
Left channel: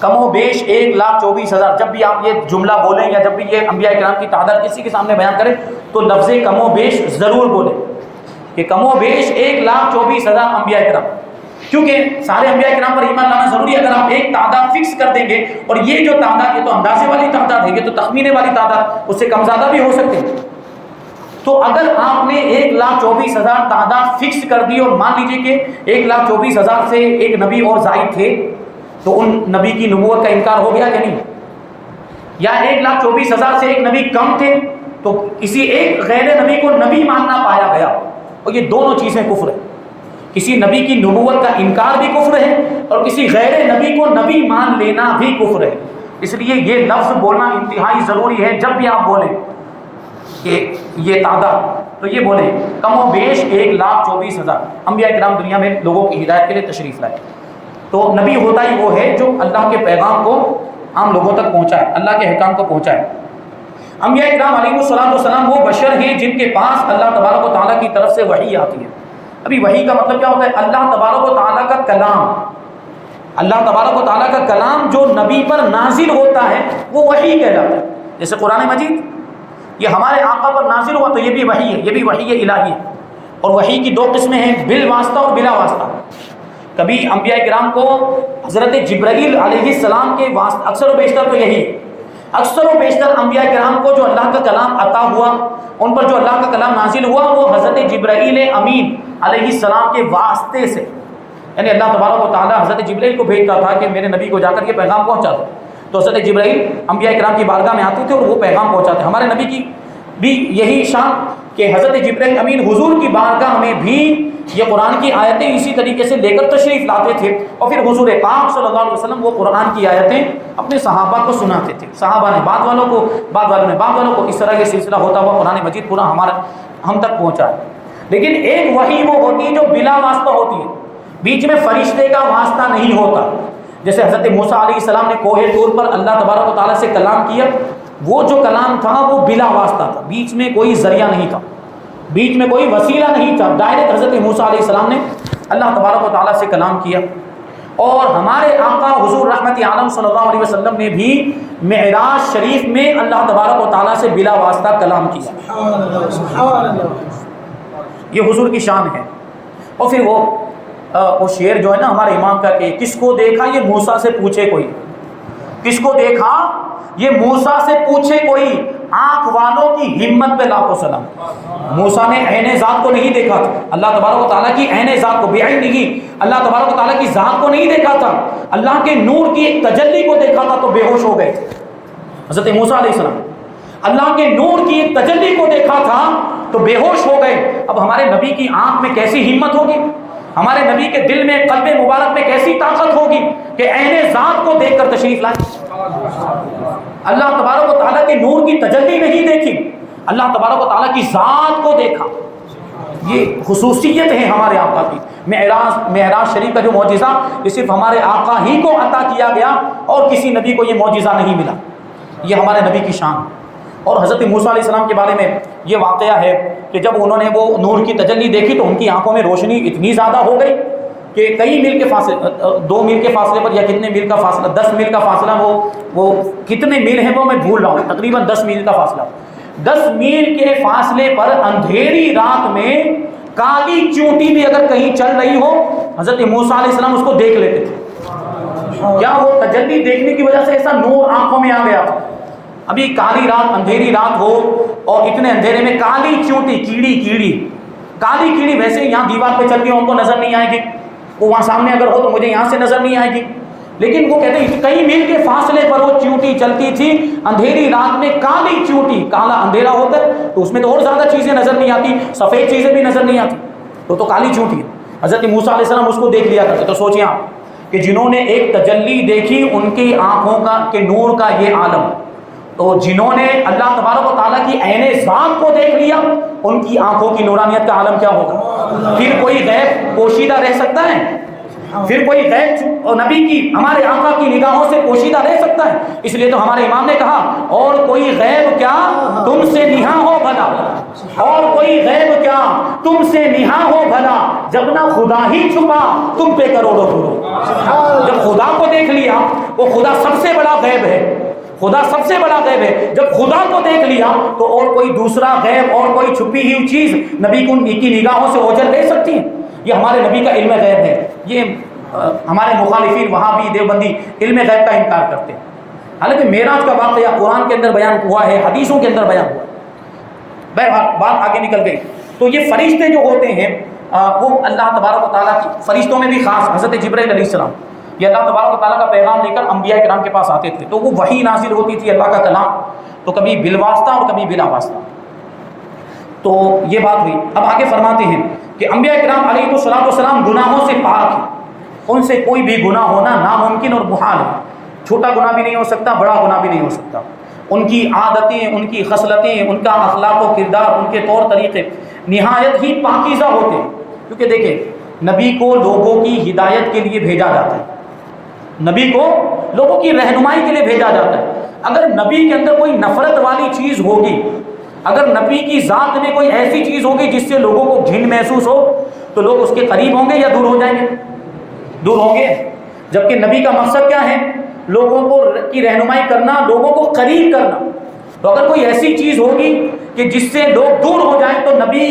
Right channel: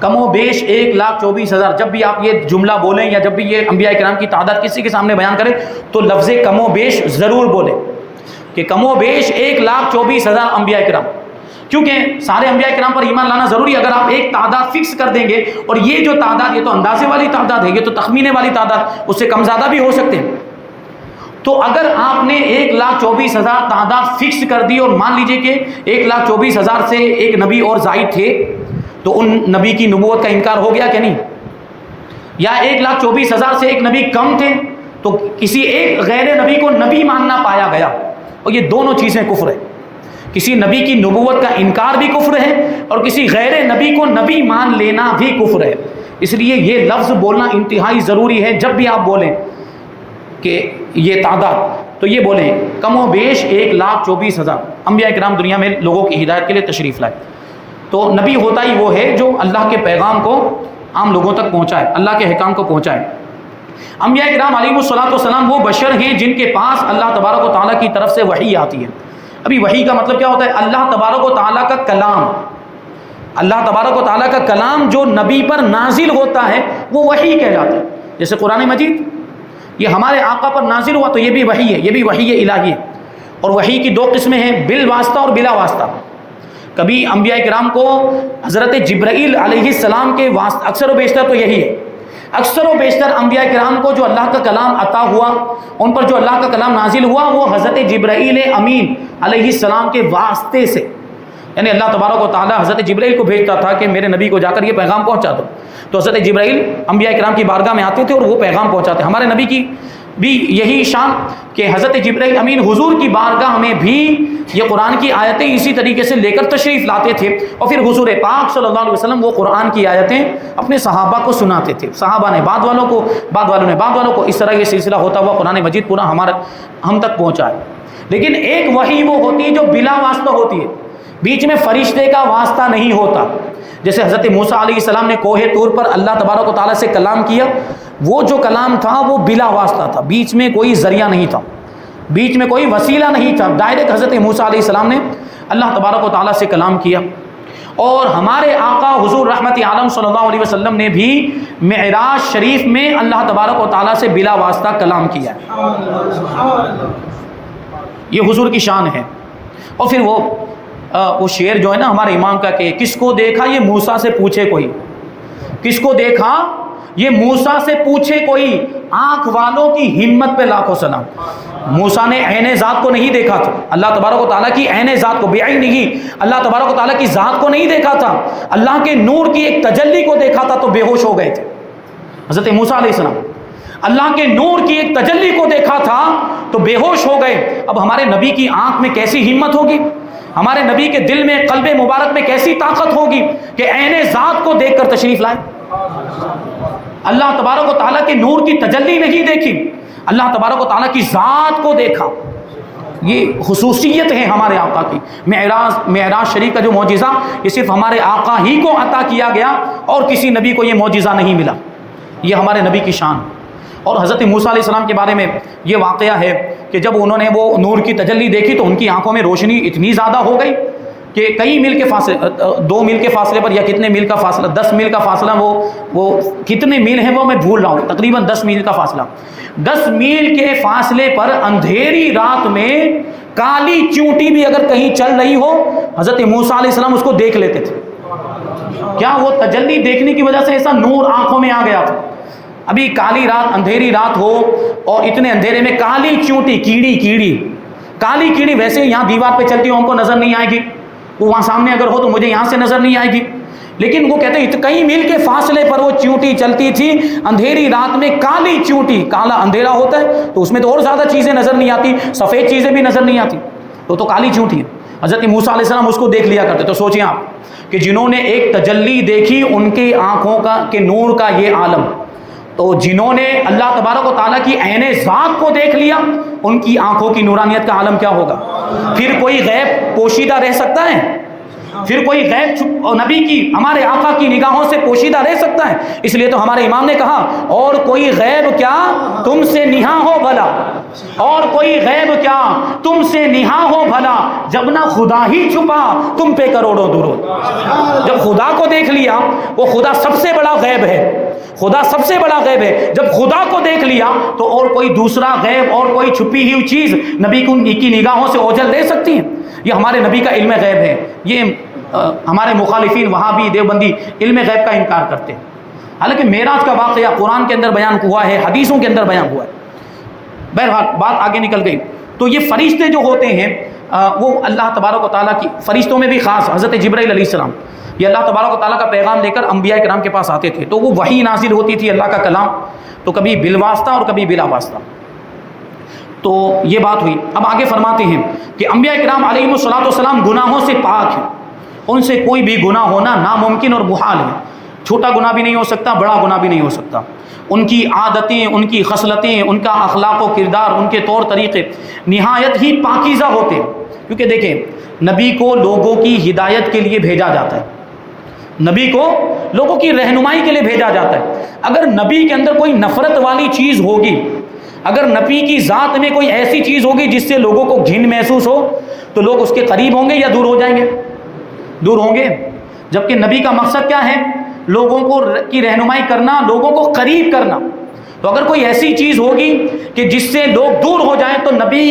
کم و بیش 1,24,000. جب بھی آپ یہ جملہ بولیں یا جب بھی یہ انبیاء کرام کی تعداد کسی کے سامنے بیان کریں تو لفظ کم و بیش ضرور بولیں کہ کم و بیش 1,24,000 انبیاء کرام. کیونکہ سارے انبیاء کرام پر ایمان لانا ضروری ہے. اگر آپ ایک تعداد فکس کر دیں گے، اور یہ جو تعداد یہ تو اندازے والی تعداد ہے، یہ تو تخمینے والی تعداد، اس سے کم زیادہ بھی ہو سکتے ہیں. تو اگر آپ نے 1,24,000 تعداد فکس کر دی اور مان لیجئے کہ 1,24,000 سے ایک نبی اور زائد تھے تو ان نبی کی نبوت کا انکار ہو گیا کہ نہیں؟ یا 1,24,000 سے ایک نبی کم تھے تو کسی ایک غیر نبی کو نبی ماننا پایا گیا، اور یہ دونوں چیزیں کفر ہے. کسی نبی کی نبوت کا انکار بھی کفر ہے اور کسی غیر نبی کو نبی مان لینا بھی کفر ہے. اس لیے یہ لفظ بولنا انتہائی ضروری ہے. جب بھی آپ بولیں کہ یہ تعداد تو یہ بولیں کم و بیش 1,24,000 انبیاء کرام دنیا میں لوگوں کی ہدایت کے لیے تشریف لائے. تو نبی ہوتا ہی وہ ہے جو اللہ کے پیغام کو عام لوگوں تک پہنچائے، اللہ کے احکام کو پہنچائے. انبیاء کرام علیہ الصلوۃ والسلام وہ بشر ہیں جن کے پاس اللہ تبارک و تعالیٰ کی طرف سے وحی آتی ہے. ابھی وحی کا مطلب کیا ہوتا ہے؟ اللہ تبارک و تعالیٰ کا کلام. اللہ تبارک و تعالیٰ کا کلام جو نبی پر نازل ہوتا ہے وہ وحی کہلاتا ہے. جیسے قرآن مجید یہ ہمارے آقا پر نازل ہوا تو یہ بھی وحی ہے، یہ بھی وحی الہی ہے. اور وحی کی دو قسمیں ہیں، بالواسطہ اور بلا واسطہ. کبھی انبیاء کرام کو حضرت جبرائیل علیہ السلام کے واسطہ، اکثر و بیشتر تو یہی ہے، اکثر و بیشتر انبیاء کرام کو جو اللہ کا کلام عطا ہوا، ان پر جو اللہ کا کلام نازل ہوا، وہ حضرت جبرائیل امین علیہ السلام کے واسطے سے. یعنی اللہ تبارک و تعالیٰ حضرت جبرائیل کو بھیجتا تھا کہ میرے نبی کو جا کر یہ پیغام پہنچا دو. تو حضرت جبرائیل انبیاء کرام کی بارگاہ میں آتے تھے اور وہ پیغام پہنچاتے. ہمارے نبی کی بھی یہی شان کہ حضرت جبرائیل امین حضور کی بارگاہ میں بھی یہ قرآن کی آیتیں اسی طریقے سے لے کر تشریف لاتے تھے، اور پھر حضور پاک صلی اللہ علیہ وسلم وہ قرآن کی آیتیں اپنے صحابہ کو سناتے تھے. صحابہ نے بعد والوں کو، بعد والوں نے بعد والوں کو، اس طرح یہ سلسلہ ہوتا ہوا قرآن مجید پورا ہم تک پہنچا ہے. لیکن ایک وحی وہ ہوتی ہے جو بلا واسطہ ہوتی ہے، بیچ میں فرشتے کا واسطہ نہیں ہوتا. جیسے حضرت موسیٰ علیہ السلام نے کوہ طور پر اللہ تبارک و تعالیٰ سے کلام کیا، وہ جو کلام تھا وہ بلا واسطہ تھا، بیچ میں کوئی ذریعہ نہیں تھا، بیچ میں کوئی وسیلہ نہیں تھا. ڈائریکٹ حضرت موسیٰ علیہ السلام نے اللہ تبارک و تعالیٰ سے کلام کیا. اور ہمارے آقا حضور رحمت عالم صلی اللہ علیہ وسلم نے بھی معراج شریف میں اللہ تبارک و تعالیٰ سے بلا واسطہ کلام کیا. یہ حضور کی شان ہے. اور پھر وہ شعر جو ہے نا ہمارے امام کا کہ کس کو دیکھا یہ موسیٰ سے پوچھے کوئی، کس کو دیکھا یہ موسیٰ سے پوچھے کوئی، آنکھ والوں کی ہمت پہ لاکھوں سلام. موسیٰ نے عین ذات کو نہیں دیکھا تھا، اللہ تبارک و تعالیٰ کی عین ذات کو، بعین نہیں، اللہ تبارک و تعالیٰ کی ذات کو نہیں دیکھا تھا، اللہ کے نور کی ایک تجلی کو دیکھا تھا تو بے ہوش ہو گئے تھے. حضرت موسیٰ علیہ السلام اللہ کے نور کی ایک تجلی کو دیکھا تھا تو بے ہوش ہو گئے. اب ہمارے نبی کی آنکھ میں کیسی ہمت ہوگی، ہمارے نبی کے دل میں، قلب مبارک میں کیسی طاقت ہوگی کہ عین ذات کو دیکھ کر تشریف لائے. اللہ تبارک و تعالیٰ کے نور کی تجلی نہیں دیکھی، اللہ تبارک و تعالیٰ کی ذات کو دیکھا. یہ خصوصیت ہے ہمارے آقا کی. معراج شریف کا جو معجزہ یہ صرف ہمارے آقا ہی کو عطا کیا گیا اور کسی نبی کو یہ معجزہ نہیں ملا. یہ ہمارے نبی کی شان. اور حضرت موسیٰ علیہ السلام کے بارے میں یہ واقعہ ہے کہ جب انہوں نے وہ نور کی تجلی دیکھی تو ان کی آنکھوں میں روشنی اتنی زیادہ ہو گئی کہ کئی میل کے فاصلے، 2 میل کے فاصلے پر یا کتنے میل کا فاصلہ، 10 میل کا فاصلہ، وہ کتنے میل ہیں وہ میں بھول رہا ہوں، تقریباً 10 میل کا فاصلہ. 10 میل کے فاصلے پر اندھیری رات میں کالی چونٹی بھی اگر کہیں چل رہی ہو حضرت موسیٰ علیہ السلام اس کو دیکھ لیتے تھے. کیا وہ تجلی دیکھنے کی وجہ سے ایسا نور آنکھوں میں آ گیا تھا. ابھی کالی رات، اندھیری رات ہو اور اتنے اندھیرے میں کالی چونٹی، کالی کیڑی ویسے یہاں دیوار پہ چلتی ہو ہم کو نظر نہیں آئے گی، وہ وہاں سامنے اگر ہو تو مجھے یہاں سے نظر نہیں آئے گی. لیکن وہ کہتے ہیں کئی میل کے فاصلے پر وہ چونٹی چلتی تھی اندھیری رات میں. کالی چونٹی، کالا اندھیرا ہوتا ہے تو اس میں تو اور زیادہ چیزیں نظر نہیں آتی، سفید چیزیں بھی نظر نہیں آتی، تو کالی چونٹی ہے. حضرت موسیٰ علیہ السلام اس کو دیکھ لیا کرتے. تو سوچیں آپ کہ جنہوں نے ایک تجلی دیکھی ان کی آنکھوں کا کہ نور کا یہ عالم، تو جنہوں نے اللہ تبارک و تعالیٰ کی عین ذات کو دیکھ لیا ان کی آنکھوں کی نورانیت کا عالم کیا ہوگا. پھر کوئی غیب پوشیدہ رہ سکتا ہے؟ پھر کوئی غیب نبی کی، ہمارے آقا کی نگاہوں سے پوشیدہ رہ سکتا ہے؟ اس لیے تو ہمارے امام نے کہا اور کوئی غیب کیا تم سے نہا ہو بھلا، اور کوئی غیب کیا تم سے نہا ہو بھلا، جب نہ خدا ہی چھپا تم پہ کروڑوں درود۔ جب خدا کو دیکھ لیا، وہ خدا سب سے بڑا غیب ہے، خدا سب سے بڑا غیب ہے، جب خدا کو دیکھ لیا تو اور کوئی دوسرا غیب اور کوئی چھپی ہوئی چیز نبی کی نگاہوں سے اوجھل لے سکتی ہے؟ یہ ہمارے نبی کا علم غیب ہے۔ یہ ہمارے مخالفین وہابی دیوبندی علم غیب کا انکار کرتے ہیں، حالانکہ معراج کا واقعہ قرآن کے اندر بیان ہوا ہے، حدیثوں کے اندر بیان ہوا ہے۔ بہرحال بات آگے نکل گئی۔ تو یہ فرشتے جو ہوتے ہیں وہ اللہ تبارک و تعالیٰ کی، فرشتوں میں بھی خاص حضرت جبرائیل علیہ السلام، یہ اللہ تبارک و تعالیٰ کا پیغام لے کر انبیاء کرام کے پاس آتے تھے، تو وہ وحی نازل ہوتی تھی اللہ کا کلام، تو کبھی بالواسطہ اور کبھی بلا واسطہ۔ تو یہ بات ہوئی۔ اب آگے فرماتے ہیں کہ انبیاء کرام علیہ السلام گناہوں سے پاک ہیں، ان سے کوئی بھی گناہ ہونا ناممکن اور محال ہے، چھوٹا گناہ بھی نہیں ہو سکتا، بڑا گناہ بھی نہیں ہو سکتا۔ ان کی عادتیں، ان کی خصلتیں، ان کا اخلاق و کردار، ان کے طور طریقے نہایت ہی پاکیزہ ہوتے ہیں، کیونکہ دیکھیں نبی کو لوگوں کی ہدایت کے لیے بھیجا جاتا ہے، نبی کو لوگوں کی رہنمائی کے لیے بھیجا جاتا ہے۔ اگر نبی کے اندر کوئی نفرت والی چیز ہوگی، اگر نبی کی ذات میں کوئی ایسی چیز ہوگی جس سے لوگوں کو گھن محسوس ہو، تو لوگ اس کے قریب ہوں گے یا دور ہو جائیں گے؟ دور ہوں گے۔ جبکہ نبی کا مقصد کیا ہے؟ لوگوں کو کی رہنمائی کرنا، لوگوں کو قریب کرنا۔ تو اگر کوئی ایسی چیز ہوگی کہ جس سے لوگ دور ہو جائیں تو نبی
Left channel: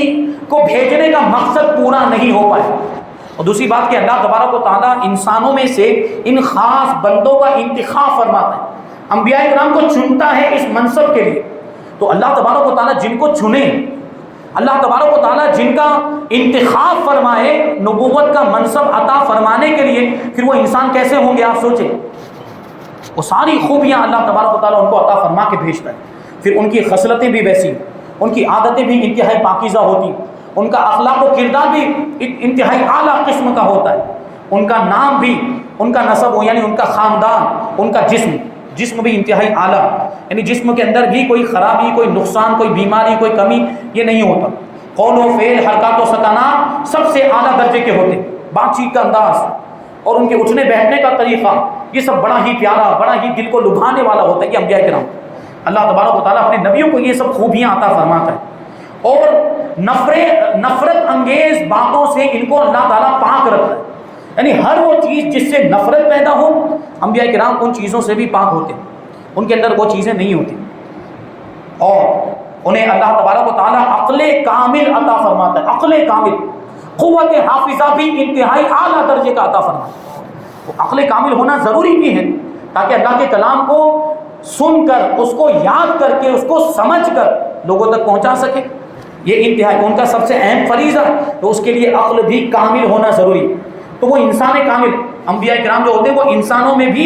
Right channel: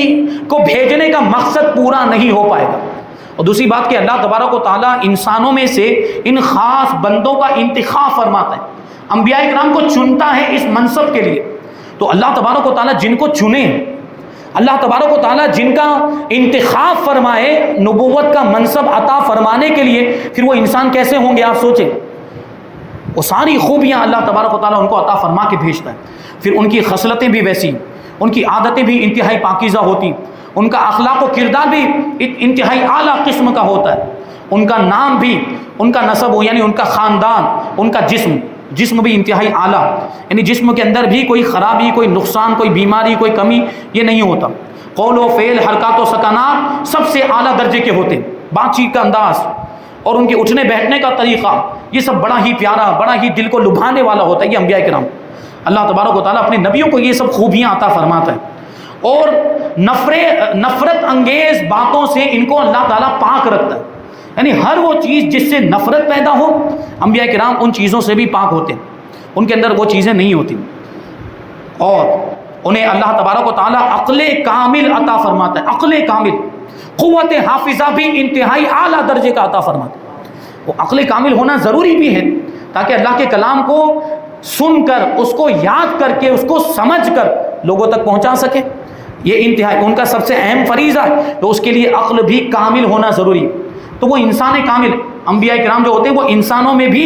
کو بھیجنے کا مقصد پورا نہیں ہو پائے گا۔ اور دوسری بات کہ اللہ تبارک و تعالیٰ انسانوں میں سے ان خاص بندوں کا انتخاب فرماتا ہے، انبیاء کرام کو چنتا ہے اس منصب کے لیے۔ تو اللہ تبارک و تعالیٰ جن کو چنے، اللہ تبارک و تعالیٰ جن کا انتخاب فرمائے نبوت کا منصب عطا فرمانے کے لیے، پھر وہ انسان کیسے ہوں گے آپ سوچیں۔ وہ ساری خوبیاں اللہ تبارک و تعالیٰ ان کو عطا فرما کے بھیجتا ہے، پھر ان کی خصلتیں بھی ویسی، ان کی عادتیں بھی انتہائی پاکیزہ ہوتی، ان کا اخلاق و کردار بھی انتہائی اعلیٰ قسم کا ہوتا ہے، ان کا نام بھی، ان کا نسب یعنی ان کا خاندان، ان کا جسم بھی انتہائی اعلیٰ، یعنی جسم کے اندر بھی کوئی خرابی، کوئی نقصان، کوئی بیماری، کوئی کمی یہ نہیں ہوتا۔ قول و فعل، حرکات و سکنات سب سے اعلیٰ درجے کے ہوتے ہیں، بات چیت کا انداز اور ان کے اٹھنے بیٹھنے کا طریقہ یہ سب بڑا ہی پیارا، بڑا ہی دل کو لبھانے والا ہوتا ہے۔ یہ انبیاء کرام اللہ تبارک و تعالیٰ اپنے نبیوں کو یہ سب خوبیاں عطا فرماتا ہے، اور نفرت انگیز باتوں سے ان کو اللہ تعالیٰ پاک رکھتا ہے، یعنی ہر وہ چیز جس سے نفرت پیدا ہو انبیاء کرام ان چیزوں سے بھی پاک ہوتے ہیں، ان کے اندر وہ چیزیں نہیں ہوتی، اور انہیں اللہ تبارک و تعالیٰ عقل کامل عطا فرماتا ہے، عقل کامل، قوت حافظہ بھی انتہائی اعلیٰ درجے کا عطا فرماتا ہے۔ وہ عقل کامل ہونا ضروری بھی ہے تاکہ اللہ کے کلام کو سن کر، اس کو یاد کر کے، اس کو سمجھ کر لوگوں تک پہنچا سکے، یہ انتہائی ان کا سب سے اہم فریضہ ہے، تو اس کے لیے عقل بھی کامل ہونا ضروری ہے۔ تو وہ انسان کامل، انبیاء کرام جو ہوتے ہیں وہ انسانوں میں بھی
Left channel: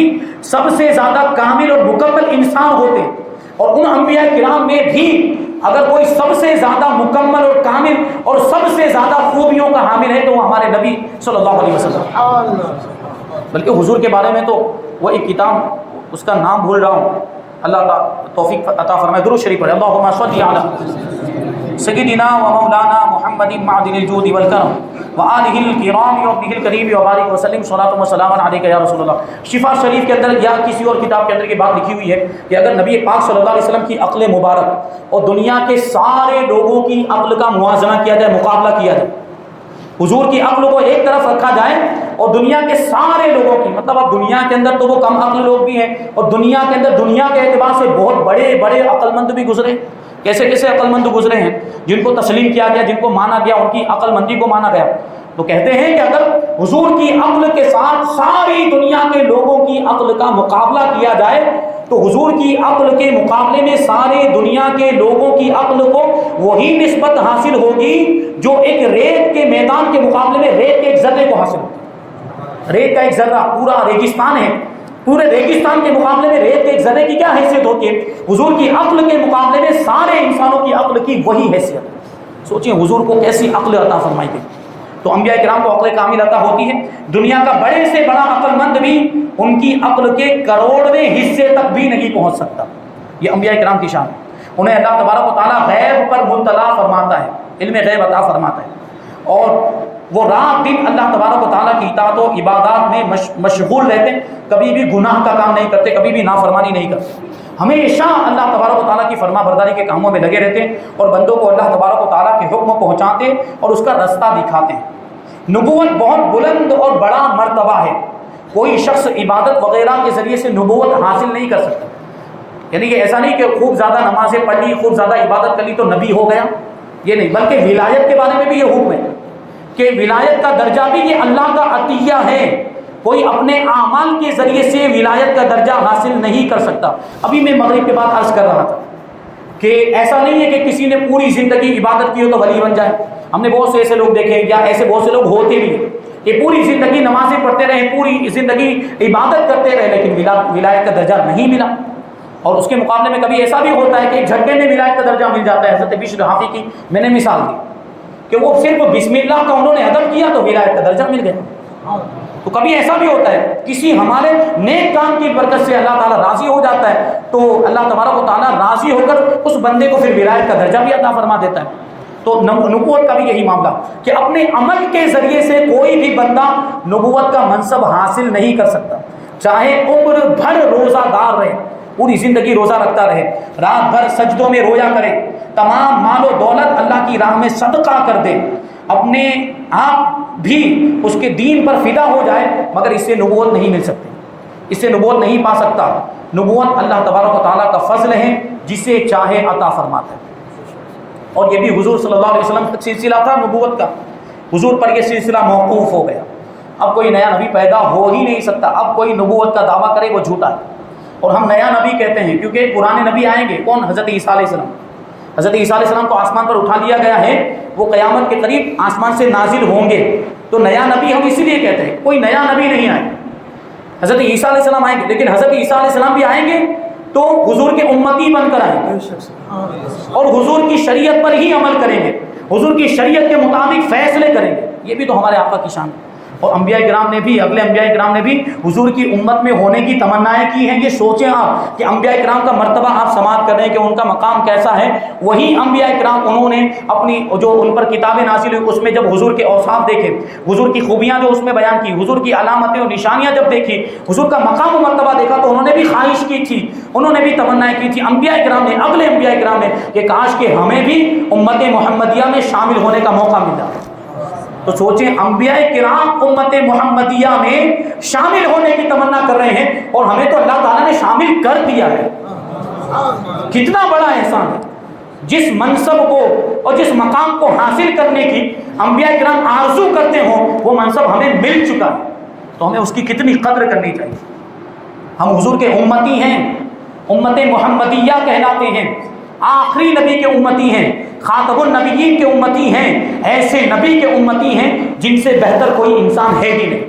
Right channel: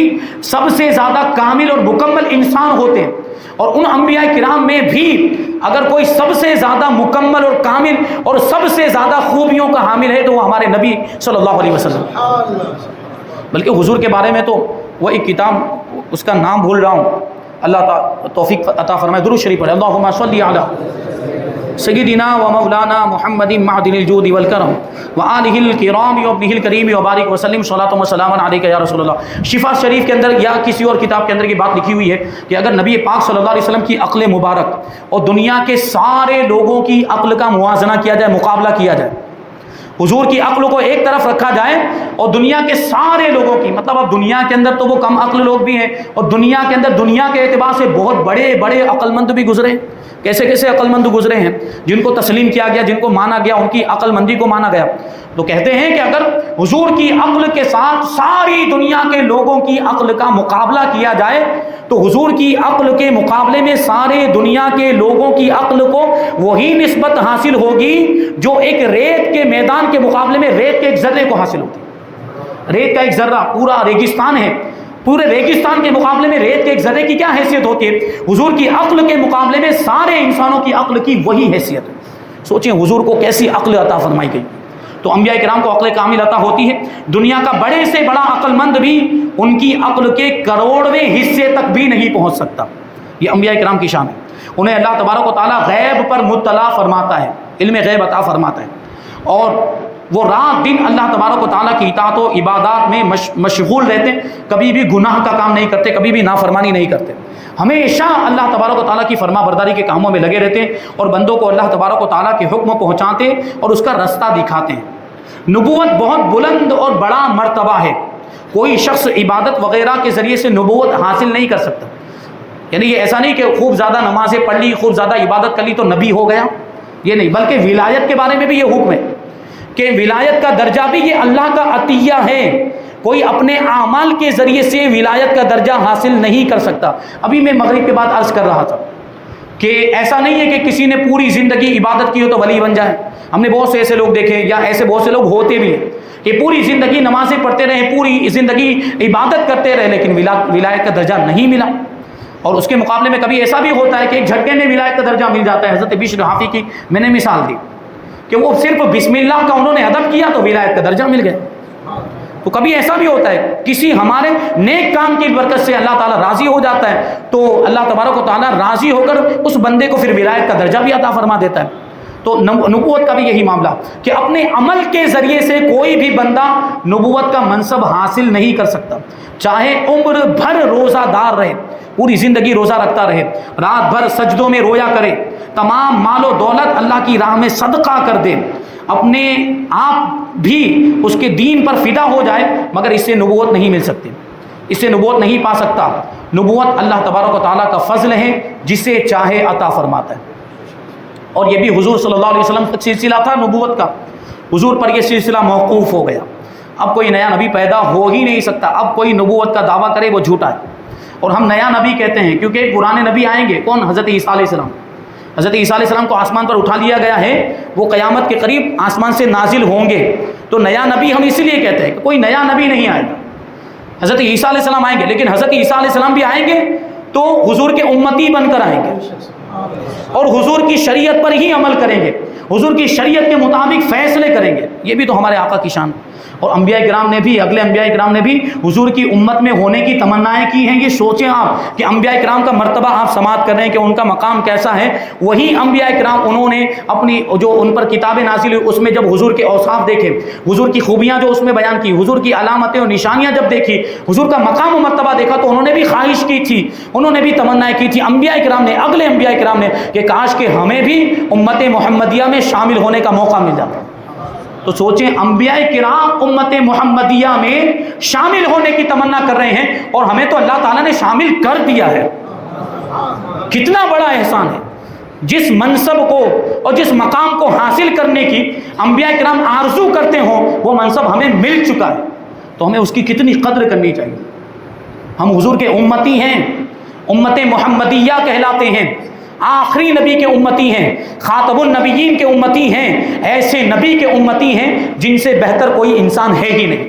سب سے زیادہ کامل اور مکمل انسان ہوتے ہیں، اور ان انبیاء کرام میں بھی اگر کوئی سب سے زیادہ مکمل اور کامل اور سب سے زیادہ خوبیوں کا حامل ہے تو وہ ہمارے نبی صلی اللہ علیہ وسلم۔ بلکہ حضور کے بارے میں تو وہ ایک کتاب، اس کا نام بھول رہا ہوں، اللہ تعالیٰ توفیق عطا فرمائے، درود شریف پڑھیں، اللہم صلی علی سیدنا و مولانا محمد معدن الجود والکرم وآلہ الکرام وابنہ الکریم وبارک وسلم صلاۃ و سلام علیک یا رسول اللہ۔ شفا شریف کے اندر یا کسی اور کتاب کے اندر کی بات لکھی ہوئی ہے کہ اگر نبی پاک صلی اللہ علیہ وسلم کی عقل مبارک اور دنیا کے سارے لوگوں کی عقل کا موازنہ کیا جائے، مقابلہ کیا جائے، حضور کی عقل کو ایک طرف رکھا جائے اور دنیا کے سارے لوگوں کی، مطلب اب دنیا کے اندر تو وہ کم عقل لوگ بھی ہیں، اور دنیا کے اندر دنیا کے اعتبار سے بہت بڑے بڑے عقل مند بھی گزرے، کیسے کیسے عقل مند گزرے ہیں جن کو تسلیم کیا گیا، جن کو مانا گیا، ان کی عقل مندی کو مانا گیا۔ تو کہتے ہیں کہ اگر حضور کی عقل کے ساتھ ساری دنیا کے لوگوں کی عقل کا مقابلہ کیا جائے تو حضور کی عقل کے مقابلے میں سارے دنیا کے لوگوں کی عقل کو وہی نسبت حاصل ہوگی جو ایک ریت کے میدان کے مقابلے میں ریت کے ایک ذرے کو حاصل ہوتی ہے۔ ریت کا ایک ذرہ، پورا ریگستان ہے، پورے ریگستان کے مقابلے میں ریت کے ایک ذرے کی کیا حیثیت ہوتی ہے؟ حضور کی عقل کے مقابلے میں سارے انسانوں کی عقل کی وہی حیثیت ہے۔ سوچیں حضور کو کیسی عقل عطا فرمائی گئی۔ تو انبیاء کرام کو عقل کامل عطا ہوتی ہے، دنیا کا بڑے سے بڑا عقل مند بھی ان کی عقل کے کروڑویں حصے تک بھی نہیں پہنچ سکتا۔ یہ انبیاء کرام کی شان ہے، انہیں اللہ تبارک و تعالیٰ غیب پر مطلع فرماتا ہے، علم غیب عطا فرماتا ہے، اور وہ رات دن اللہ تبارک و تعالیٰ کی اطاعت و عبادات میں مشغول رہتے، کبھی بھی گناہ کا کام نہیں کرتے، کبھی بھی نافرمانی نہیں کرتے، ہمیشہ اللہ تبارک و تعالیٰ کی فرما برداری کے کاموں میں لگے رہتے ہیں اور بندوں کو اللہ تبارک و تعالیٰ کے حکم پہنچاتے اور اس کا رستہ دکھاتے ہیں۔ نبوت بہت بلند اور بڑا مرتبہ ہے، کوئی شخص عبادت وغیرہ کے ذریعے سے نبوت حاصل نہیں کر سکتا. یعنی یہ ایسا نہیں کہ خوب زیادہ نمازیں پڑھ لی، خوب زیادہ عبادت کر لی تو نبی ہو گیا، یہ نہیں. بلکہ ولایت کے بارے میں بھی یہ حکم ہے کہ ولایت کا درجہ بھی یہ اللہ کا عطیہ ہے، کوئی اپنے اعمال کے ذریعے سے ولایت کا درجہ حاصل نہیں کر سکتا. ابھی میں مغرب کے بعد عرض کر رہا تھا کہ ایسا نہیں ہے کہ کسی نے پوری زندگی عبادت کی ہو تو ولی بن جائے. ہم نے بہت سے ایسے لوگ دیکھے، یا ایسے بہت سے لوگ ہوتے بھی ہیں کہ پوری زندگی نمازیں پڑھتے رہے، پوری زندگی عبادت کرتے رہے، لیکن ولایت کا درجہ نہیں ملا. اور اس کے مقابلے میں کبھی ایسا بھی ہوتا ہے کہ ایک جھٹکے میں ولایت کا درجہ مل جاتا ہے. حضرت بشر حافی کی میں نے مثال دی کہ وہ صرف بسم اللہ کا انہوں نے ادب کیا تو ولایت کا درجہ مل گیا. تو کبھی ایسا بھی ہوتا ہے کسی ہمارے نیک کام کی برکت سے اللہ تعالیٰ راضی ہو جاتا ہے تو اللہ تبارک و تعالیٰ راضی ہو کر اس بندے کو پھر ولایت کا درجہ بھی عطا فرما دیتا ہے. تو نبوت کا بھی یہی معاملہ کہ اپنے عمل کے ذریعے سے کوئی بھی بندہ نبوت کا منصب حاصل نہیں کر سکتا، چاہے عمر بھر روزہ دار رہے، پوری زندگی روزہ رکھتا رہے، رات بھر سجدوں میں رویا کرے، تمام مال و دولت اللہ کی راہ میں صدقہ کر دے، اپنے آپ بھی اس کے دین پر فدا ہو جائے، مگر اس سے نبوت نہیں مل سکتی، اس سے نبوت نہیں پا سکتا. نبوت اللہ تبارک و تعالیٰ کا فضل ہے، جسے چاہے عطا فرماتا ہے. اور یہ بھی حضور صلی اللہ علیہ وسلم کا سلسلہ تھا نبوت کا، حضور پر یہ سلسلہ موقوف ہو گیا. اب کوئی نیا نبی پیدا ہو ہی نہیں سکتا. اب کوئی نبوت کا دعویٰ کرے وہ جھوٹا ہے. اور ہم نیا نبی کہتے ہیں کیونکہ پرانے نبی آئیں گے. کون؟ حضرت عیسیٰ علیہ السلام. حضرت عیسیٰ علیہ السلام کو آسمان پر اٹھا لیا گیا ہے، وہ قیامت کے قریب آسمان سے نازل ہوں گے. تو نیا نبی ہم اسی لیے کہتے ہیں کہ کوئی نیا نبی نہیں آئے. حضرت عیسیٰ علیہ السلام آئیں گے، لیکن حضرت عیسیٰ علیہ السلام بھی آئیں گے تو حضور کے امتی بن کر آئیں گے اور حضور کی شریعت پر ہی عمل کریں گے، حضور کی شریعت کے مطابق فیصلے کریں گے. یہ بھی تو ہمارے آقا کی شان. اور انبیاء کرام نے بھی، اگلے انبیاء کرام نے بھی حضور کی امت میں ہونے کی تمنائیں کی ہیں. یہ سوچیں آپ کہ انبیاء کرام کا مرتبہ آپ سماعت کر رہے ہیں کہ ان کا مقام کیسا ہے. وہی انبیاء کرام انہوں نے اپنی جو ان پر کتابیں نازل ہوئی اس میں جب حضور کے اوصاف دیکھے، حضور کی خوبیاں جو اس میں بیان کی، حضور کی علامتیں اور نشانیاں جب دیکھی، حضور کا مقام و مرتبہ دیکھا تو انہوں نے بھی خواہش کی تھی، انہوں نے بھی تمنائیں کی تھی انبیاء کرام نے، اگلے انبیاء کرام نے، کہ کاش کہ ہمیں بھی امت محمدیہ میں شامل ہونے کا موقع مل جاتا. تو سوچیں انبیاء کرام امت محمدیہ میں شامل ہونے کی تمنا کر رہے ہیں اور ہمیں تو اللہ تعالیٰ نے شامل کر دیا ہے. کتنا بڑا احسان ہے. جس منصب کو اور جس مقام کو حاصل کرنے کی انبیاء کرام آرزو کرتے ہوں وہ منصب ہمیں مل چکا ہے. تو ہمیں اس کی کتنی قدر کرنی چاہیے. ہم حضور کے امتی ہیں، امت محمدیہ کہلاتے ہیں، آخری نبی کے امتی ہیں، خاتم النبیین کے امتی ہیں، ایسے نبی کے امتی ہیں جن سے بہتر کوئی انسان ہے ہی نہیں،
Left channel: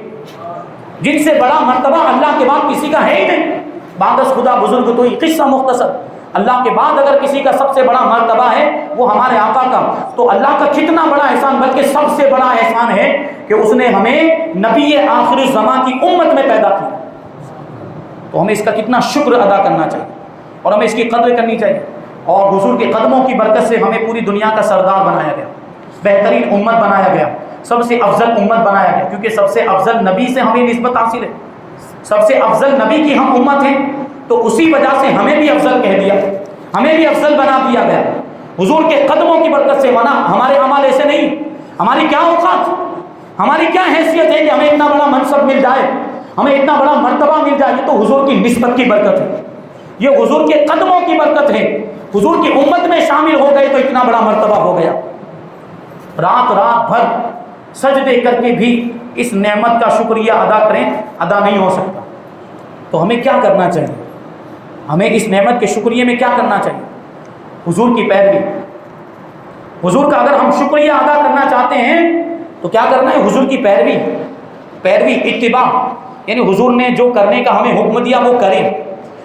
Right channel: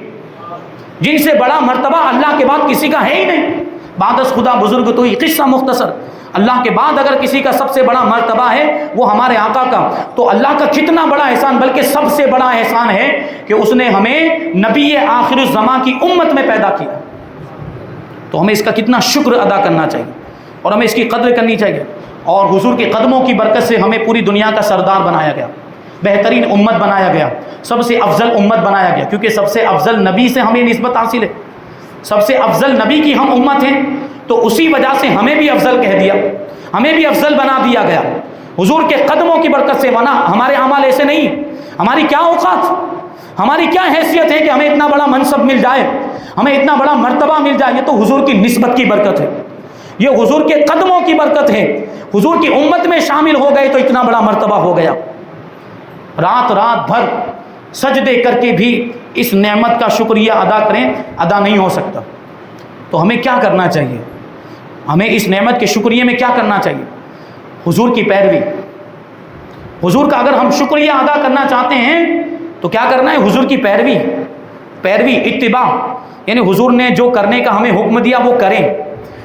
جن سے بڑا مرتبہ اللہ کے بعد کسی کا ہے ہی نہیں. بعد از خدا بزرگ تو یہ قصہ مختصر. اللہ کے بعد اگر کسی کا سب سے بڑا مرتبہ ہے وہ ہمارے آقا کا، تو اللہ کا کتنا بڑا احسان، بلکہ سب سے بڑا احسان ہے کہ اس نے ہمیں نبی آخر الزمان کی امت میں پیدا کیا. تو ہمیں اس کا کتنا شکر ادا کرنا چاہیے اور ہمیں اس کی قدر کرنی چاہیے. اور حضور کے قدموں کی برکت سے ہمیں پوری دنیا کا سردار بنایا گیا، بہترین امت بنایا گیا، سب سے افضل امت بنایا گیا، کیونکہ سب سے افضل نبی سے ہمیں نسبت حاصل ہے. سب سے افضل نبی کی ہم امت ہیں تو اسی وجہ سے ہمیں بھی افضل کہہ دیا، ہمیں بھی افضل بنا دیا گیا حضور کے قدموں کی برکت سے. بنا ہمارے اعمال ایسے نہیں، ہماری کیا اوقات، ہماری کیا حیثیت ہے کہ ہمیں اتنا بڑا منصب مل جائے، ہمیں اتنا بڑا مرتبہ مل جائے. یہ تو حضور کی نسبت کی برکت ہے، یہ حضور کے قدموں کی برکت ہے. حضور کی امت میں شامل ہو گئے تو اتنا بڑا مرتبہ ہو گیا. رات بھر سجدے کر کے بھی اس نعمت کا شکریہ ادا کریں، ادا نہیں ہو سکتا. تو ہمیں کیا کرنا چاہیے؟ ہمیں اس نعمت کے شکریہ میں کیا کرنا چاہیے؟ حضور کی پیروی. حضور کا اگر ہم شکریہ ادا کرنا چاہتے ہیں تو کیا کرنا ہے؟ حضور کی پیروی اتباع، یعنی حضور نے جو کرنے کا ہمیں حکم دیا وہ کریں،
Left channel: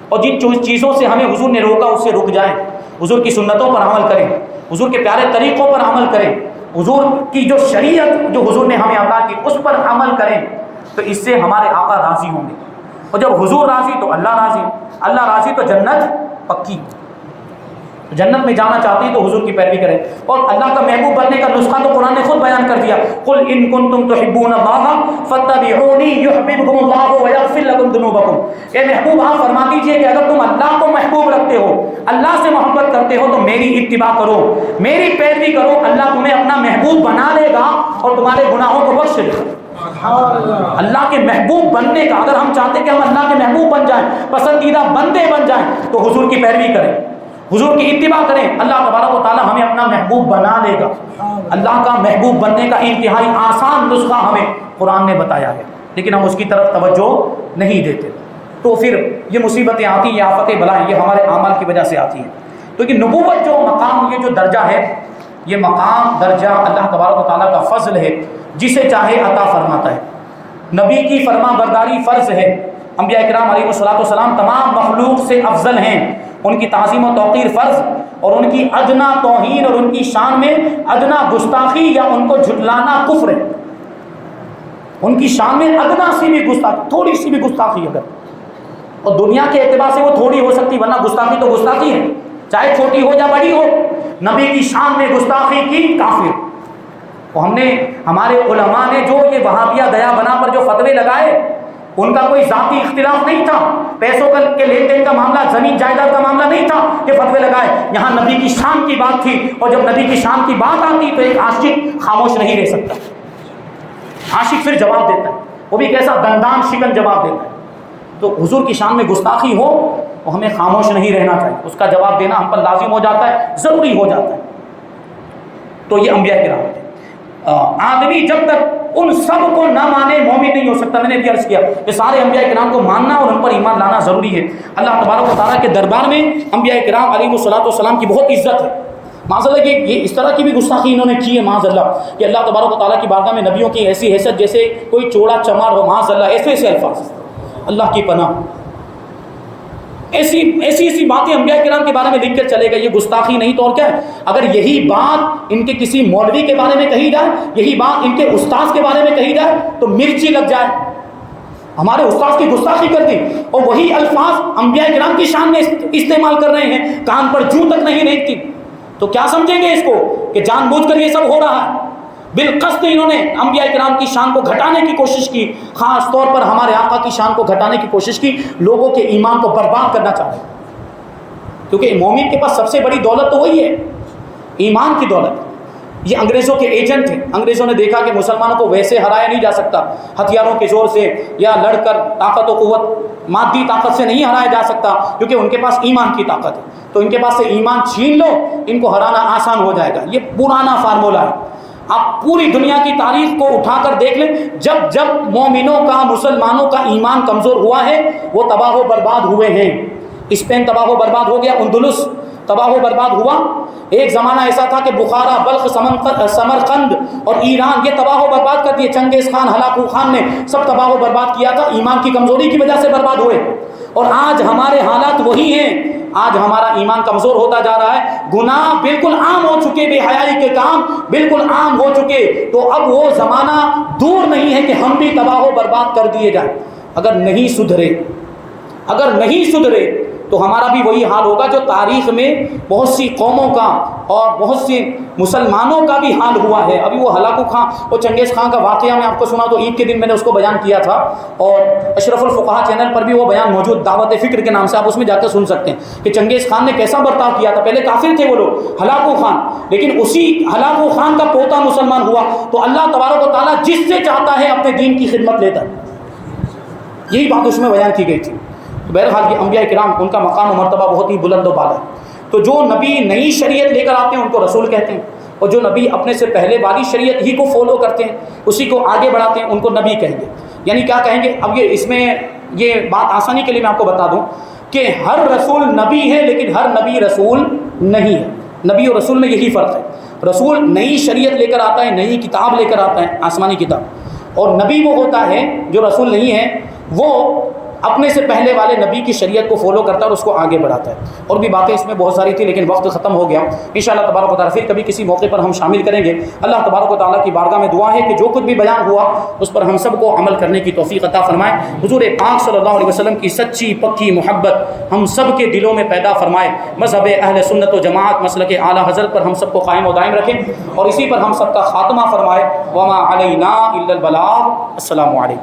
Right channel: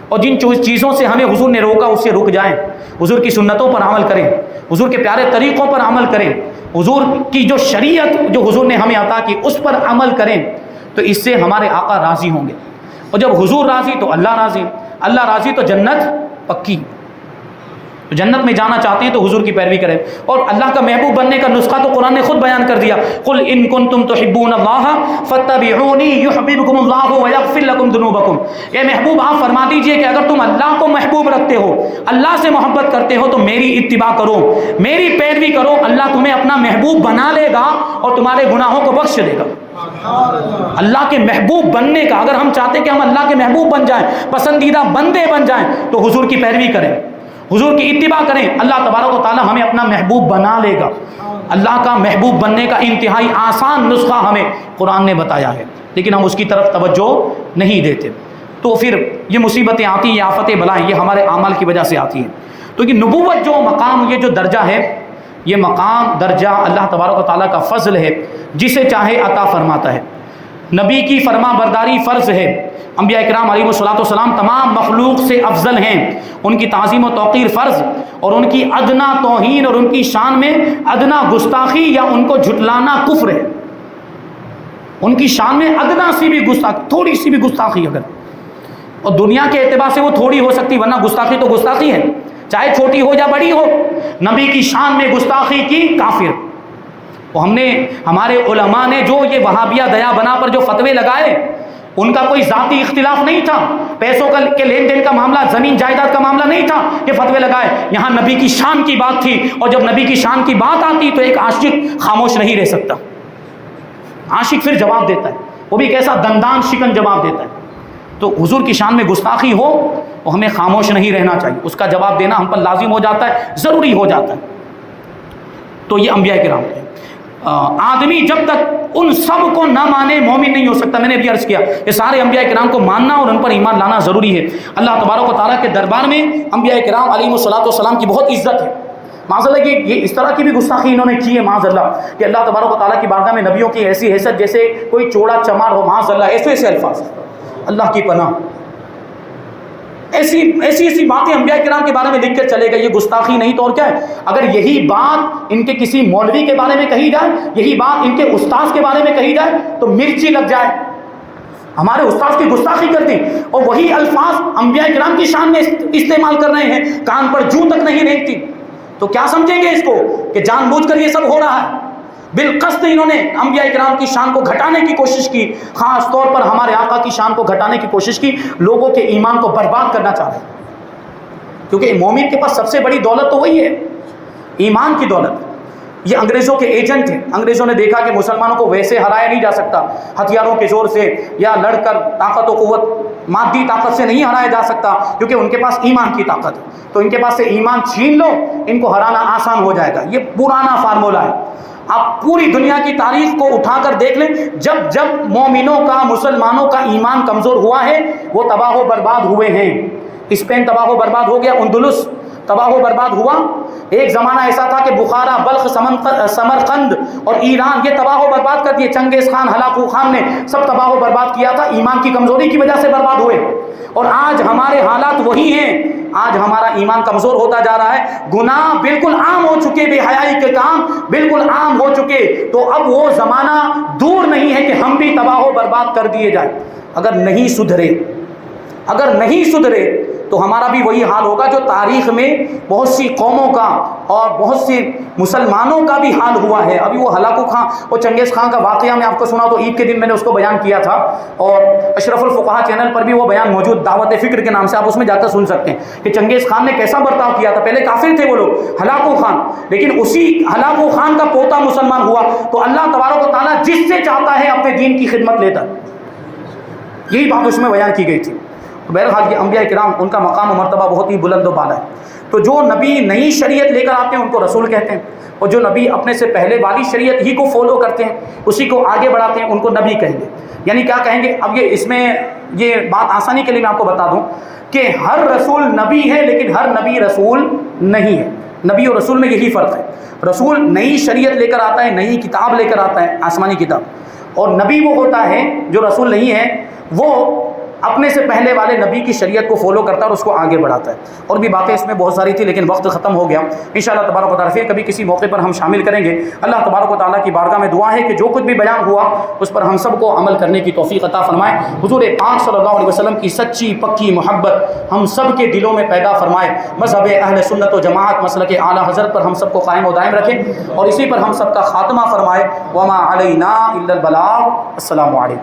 اور جن چیزوں سے ہمیں حضور نے روکا اس سے رک جائیں. حضور کی سنتوں پر عمل کریں، حضور کے پیارے طریقوں پر عمل کریں، حضور کی جو شریعت جو حضور نے ہمیں عطا کی اس پر عمل کریں. تو اس سے ہمارے آقا راضی ہوں گے، اور جب حضور راضی تو اللہ راضی، اللہ راضی تو جنت پکی. تو جنت میں جانا چاہتے ہیں تو حضور کی پیروی کریں. اور اللہ کا محبوب بننے کا نسخہ تو قرآن نے خود بیان کر دیا. قل ان کنتم تحبون اللہ فاتبعونی یحببکم اللہ ویغفر لکم ذنوبکم. اے محبوب آپ فرما دیجئے کہ اگر تم اللہ کو محبوب رکھتے ہو، اللہ سے محبت کرتے ہو تو میری اتباع کرو، میری پیروی کرو. اللہ تمہیں اپنا محبوب بنا لے گا اور اور تمہارے گناہوں کو بخش دے گا۔ اللہ کے محبوب بننے کا، اگر ہم چاہتے کہ ہم اللہ کے محبوب بن جائیں، پسندیدہ بندے بن جائیں، تو حضور کی پیروی کریں، حضور کی اتباع کریں۔ اللہ تبارک و تعالی ہمیں اپنا محبوب بنا لے گا۔ اللہ کا محبوب بننے کا انتہائی آسان نسخہ ہمیں قرآن نے بتایا ہے، لیکن ہم اس کی طرف توجہ نہیں دیتے، تو پھر یہ مصیبتیں آتی ہیں، یہ آفتیں بلائیں، یہ ہمارے اعمال کی وجہ سے آتی ہیں۔ تو یہ نبوت جو مقام، یہ جو درجہ ہے، یہ مقام درجہ اللہ تبارک و تعالیٰ کا فضل ہے، جسے چاہے عطا فرماتا ہے۔ نبی کی فرما برداری فرض ہے۔ انبیاء کرام علیہ الصلوۃ والسلام تمام مخلوق سے افضل ہیں، ان کی تعظیم و توقیر فرض، اور ان کی ادنا توہین اور ان کی شان میں ادنا گستاخی یا ان کو جھٹلانا کفر ہے۔ ان کی شان میں ادنا سی بھی گستاخی، تھوڑی سی بھی گستاخی اگر، اور دنیا کے اعتبار سے وہ تھوڑی ہو سکتی، ورنہ گستاخی تو گستاخی ہے، چاہے چھوٹی ہو یا بڑی ہو۔ نبی کی شان میں گستاخی کی، کافر۔ تو ہمارے علماء نے جو یہ وہابیہ دیا بنا پر جو فتوے لگائے، ان کا کوئی ذاتی اختلاف نہیں تھا، پیسوں کے لین دین کا معاملہ، زمین جائیداد کا معاملہ نہیں تھا کہ فتوے لگائے، یہاں نبی کی شان کی بات تھی، اور جب نبی کی شان کی بات آتی تو ایک عاشق خاموش نہیں رہ سکتا، عاشق پھر جواب دیتا ہے، وہ بھی کیسا دندان شکن جواب دیتا ہے۔ تو حضور کی شان میں گستاخی ہو تو ہمیں خاموش نہیں رہنا چاہیے، اس کا جواب دینا ہم پر لازم ہو جاتا ہے، ضروری ہو جاتا ہے۔ تو یہ انبیاء کرام ہیں۔ آدمی جب تک ان سب کو نہ مانے مومن نہیں ہو سکتا۔ میں نے بھی عرض کیا کہ سارے انبیاء کرام کو ماننا اور ان پر ایمان لانا ضروری ہے۔ اللہ تبارک و تعالیٰ کے دربار میں انبیاء کرام علیہ الصلوۃ والسلام کی بہت عزت ہے۔ معاذ اللہ کہ یہ اس طرح کی بھی گستاخی انہوں نے کی ہے، معاذ اللہ، کہ اللہ تبارک و تعالیٰ کی بارگاہ میں نبیوں کی ایسی حیثیت جیسے کوئی چوڑا چمار ہو، معاذ اللہ، ایسے ایسے الفاظ، اللہ کی پناہ، ایسی باتیں انبیاء کرام کے بارے میں لکھ کر چلے گئے۔ یہ گستاخی نہیں تو اور کیا ہے؟ اگر یہی بات ان کے کسی مولوی کے بارے میں کہی جائے، یہی بات ان کے استاذ کے بارے میں کہی جائے تو مرچی لگ جائے، ہمارے استاذ کی گستاخی کر دی، اور وہی الفاظ انبیاء کرام کی شان میں استعمال کر رہے ہیں، کان پر جوں تک نہیں رینگتی، تو کیا سمجھیں گے اس کو کہ جان بوجھ کر یہ سب ہو رہا ہے؟ بالقصد انہوں نے انبیاء کرام کی شان کو گھٹانے کی کوشش کی، خاص طور پر ہمارے آقا کی شان کو گھٹانے کی کوشش کی، لوگوں کے ایمان کو برباد کرنا چاہ رہے ہیں، کیونکہ مومن کے پاس سب سے بڑی دولت تو وہی ہے، ایمان کی دولت۔ یہ انگریزوں کے ایجنٹ ہیں، انگریزوں نے دیکھا کہ مسلمانوں کو ویسے ہرایا نہیں جا سکتا، ہتھیاروں کے زور سے یا لڑ کر، طاقت و قوت مادی طاقت سے نہیں ہرایا جا سکتا، کیونکہ ان کے پاس ایمان کی طاقت ہے، تو ان کے پاس سے ایمان چھین لو، ان کو ہرانا آسان ہو جائے گا۔ یہ پرانا فارمولہ ہے، آپ پوری دنیا کی تاریخ کو اٹھا کر دیکھ لیں، جب مومنوں کا، مسلمانوں کا ایمان کمزور ہوا ہے، وہ تباہ و برباد ہوئے ہیں۔ اسپین تباہ و برباد ہو گیا، اندلس تباہ و برباد ہوا، ایک زمانہ ایسا تھا کہ بخارا، بلخ، سمرقند اور ایران یہ تباہ و برباد کر دیے، چنگیز خان، ہلاکو خان نے سب تباہ و برباد کیا تھا، ایمان کی کمزوری کی وجہ سے برباد ہوئے۔ اور آج ہمارے حالات وہی ہیں، آج ہمارا ایمان کمزور ہوتا جا رہا ہے، گناہ بالکل عام ہو چکے، بے حیائی کے کام بالکل عام ہو چکے، تو اب وہ زمانہ دور نہیں ہے کہ ہم بھی تباہ و برباد کر دیے جائیں۔ اگر نہیں سدھرے تو ہمارا بھی وہی حال ہوگا جو تاریخ میں بہت سی قوموں کا اور بہت سی مسلمانوں کا بھی حال ہوا ہے۔ ابھی وہ ہلاکو خان، وہ چنگیز خان کا واقعہ میں آپ کو سنا، تو عید کے دن میں نے اس کو بیان کیا تھا، اور اشرف الفقہا چینل پر بھی وہ بیان موجود، دعوت فکر کے نام سے، آپ اس میں جا کر سن سکتے ہیں کہ چنگیز خان نے کیسا برتاؤ کیا تھا۔ پہلے کافر تھے وہ لوگ، ہلاکو خان، لیکن اسی ہلاکو خان کا پوتا مسلمان ہوا، تو اللہ تبارک و تعالیٰ جس سے چاہتا ہے اپنے دین کی خدمت لیتا ہے، یہی بات اس میں بیان کی گئی تھی۔ بہرحال یہ انبیاء کرام، ان کا مقام و مرتبہ بہت ہی بلند و بالا ہے۔ تو جو نبی نئی شریعت لے کر آتے ہیں ان کو رسول کہتے ہیں، اور جو نبی اپنے سے پہلے والی شریعت ہی کو فالو کرتے ہیں، اسی کو آگے بڑھاتے ہیں، ان کو نبی کہیں گے۔ یعنی کیا کہیں گے؟ اب اس میں یہ بات آسانی کے لیے میں آپ کو بتا دوں کہ ہر رسول نبی ہے، لیکن ہر نبی رسول نہیں ہے۔ نبی اور رسول میں یہی فرق ہے، رسول نئی شریعت لے کر آتا ہے، نئی کتاب لے کر آتا ہے، آسمانی کتاب، اور نبی وہ ہوتا ہے جو رسول نہیں ہے، وہ اپنے سے پہلے والے نبی کی شریعت کو فالو کرتا ہے اور اس کو آگے بڑھاتا ہے۔ اور بھی باتیں اس میں بہت ساری تھی، لیکن وقت ختم ہو گیا۔ انشاءاللہ تبارک و تعالیٰ پھر کبھی کسی موقع پر ہم شامل کریں گے۔ اللہ تبارک و تعالیٰ کی بارگاہ میں دعا ہے کہ جو کچھ بھی بیان ہوا اس پر ہم سب کو عمل کرنے کی توفیق عطا فرمائے، حضور پاک صلی اللہ علیہ وسلم کی سچی پکی محبت ہم سب کے دلوں میں پیدا فرمائے، مذہب اہل سنت و جماعت مسلک اعلیٰ حضرت پر ہم سب کو قائم و دائم رکھیں، اور اسی پر ہم سب کا خاتمہ فرمائے۔ وما علینا الا البلاغ۔ السلام علیکم۔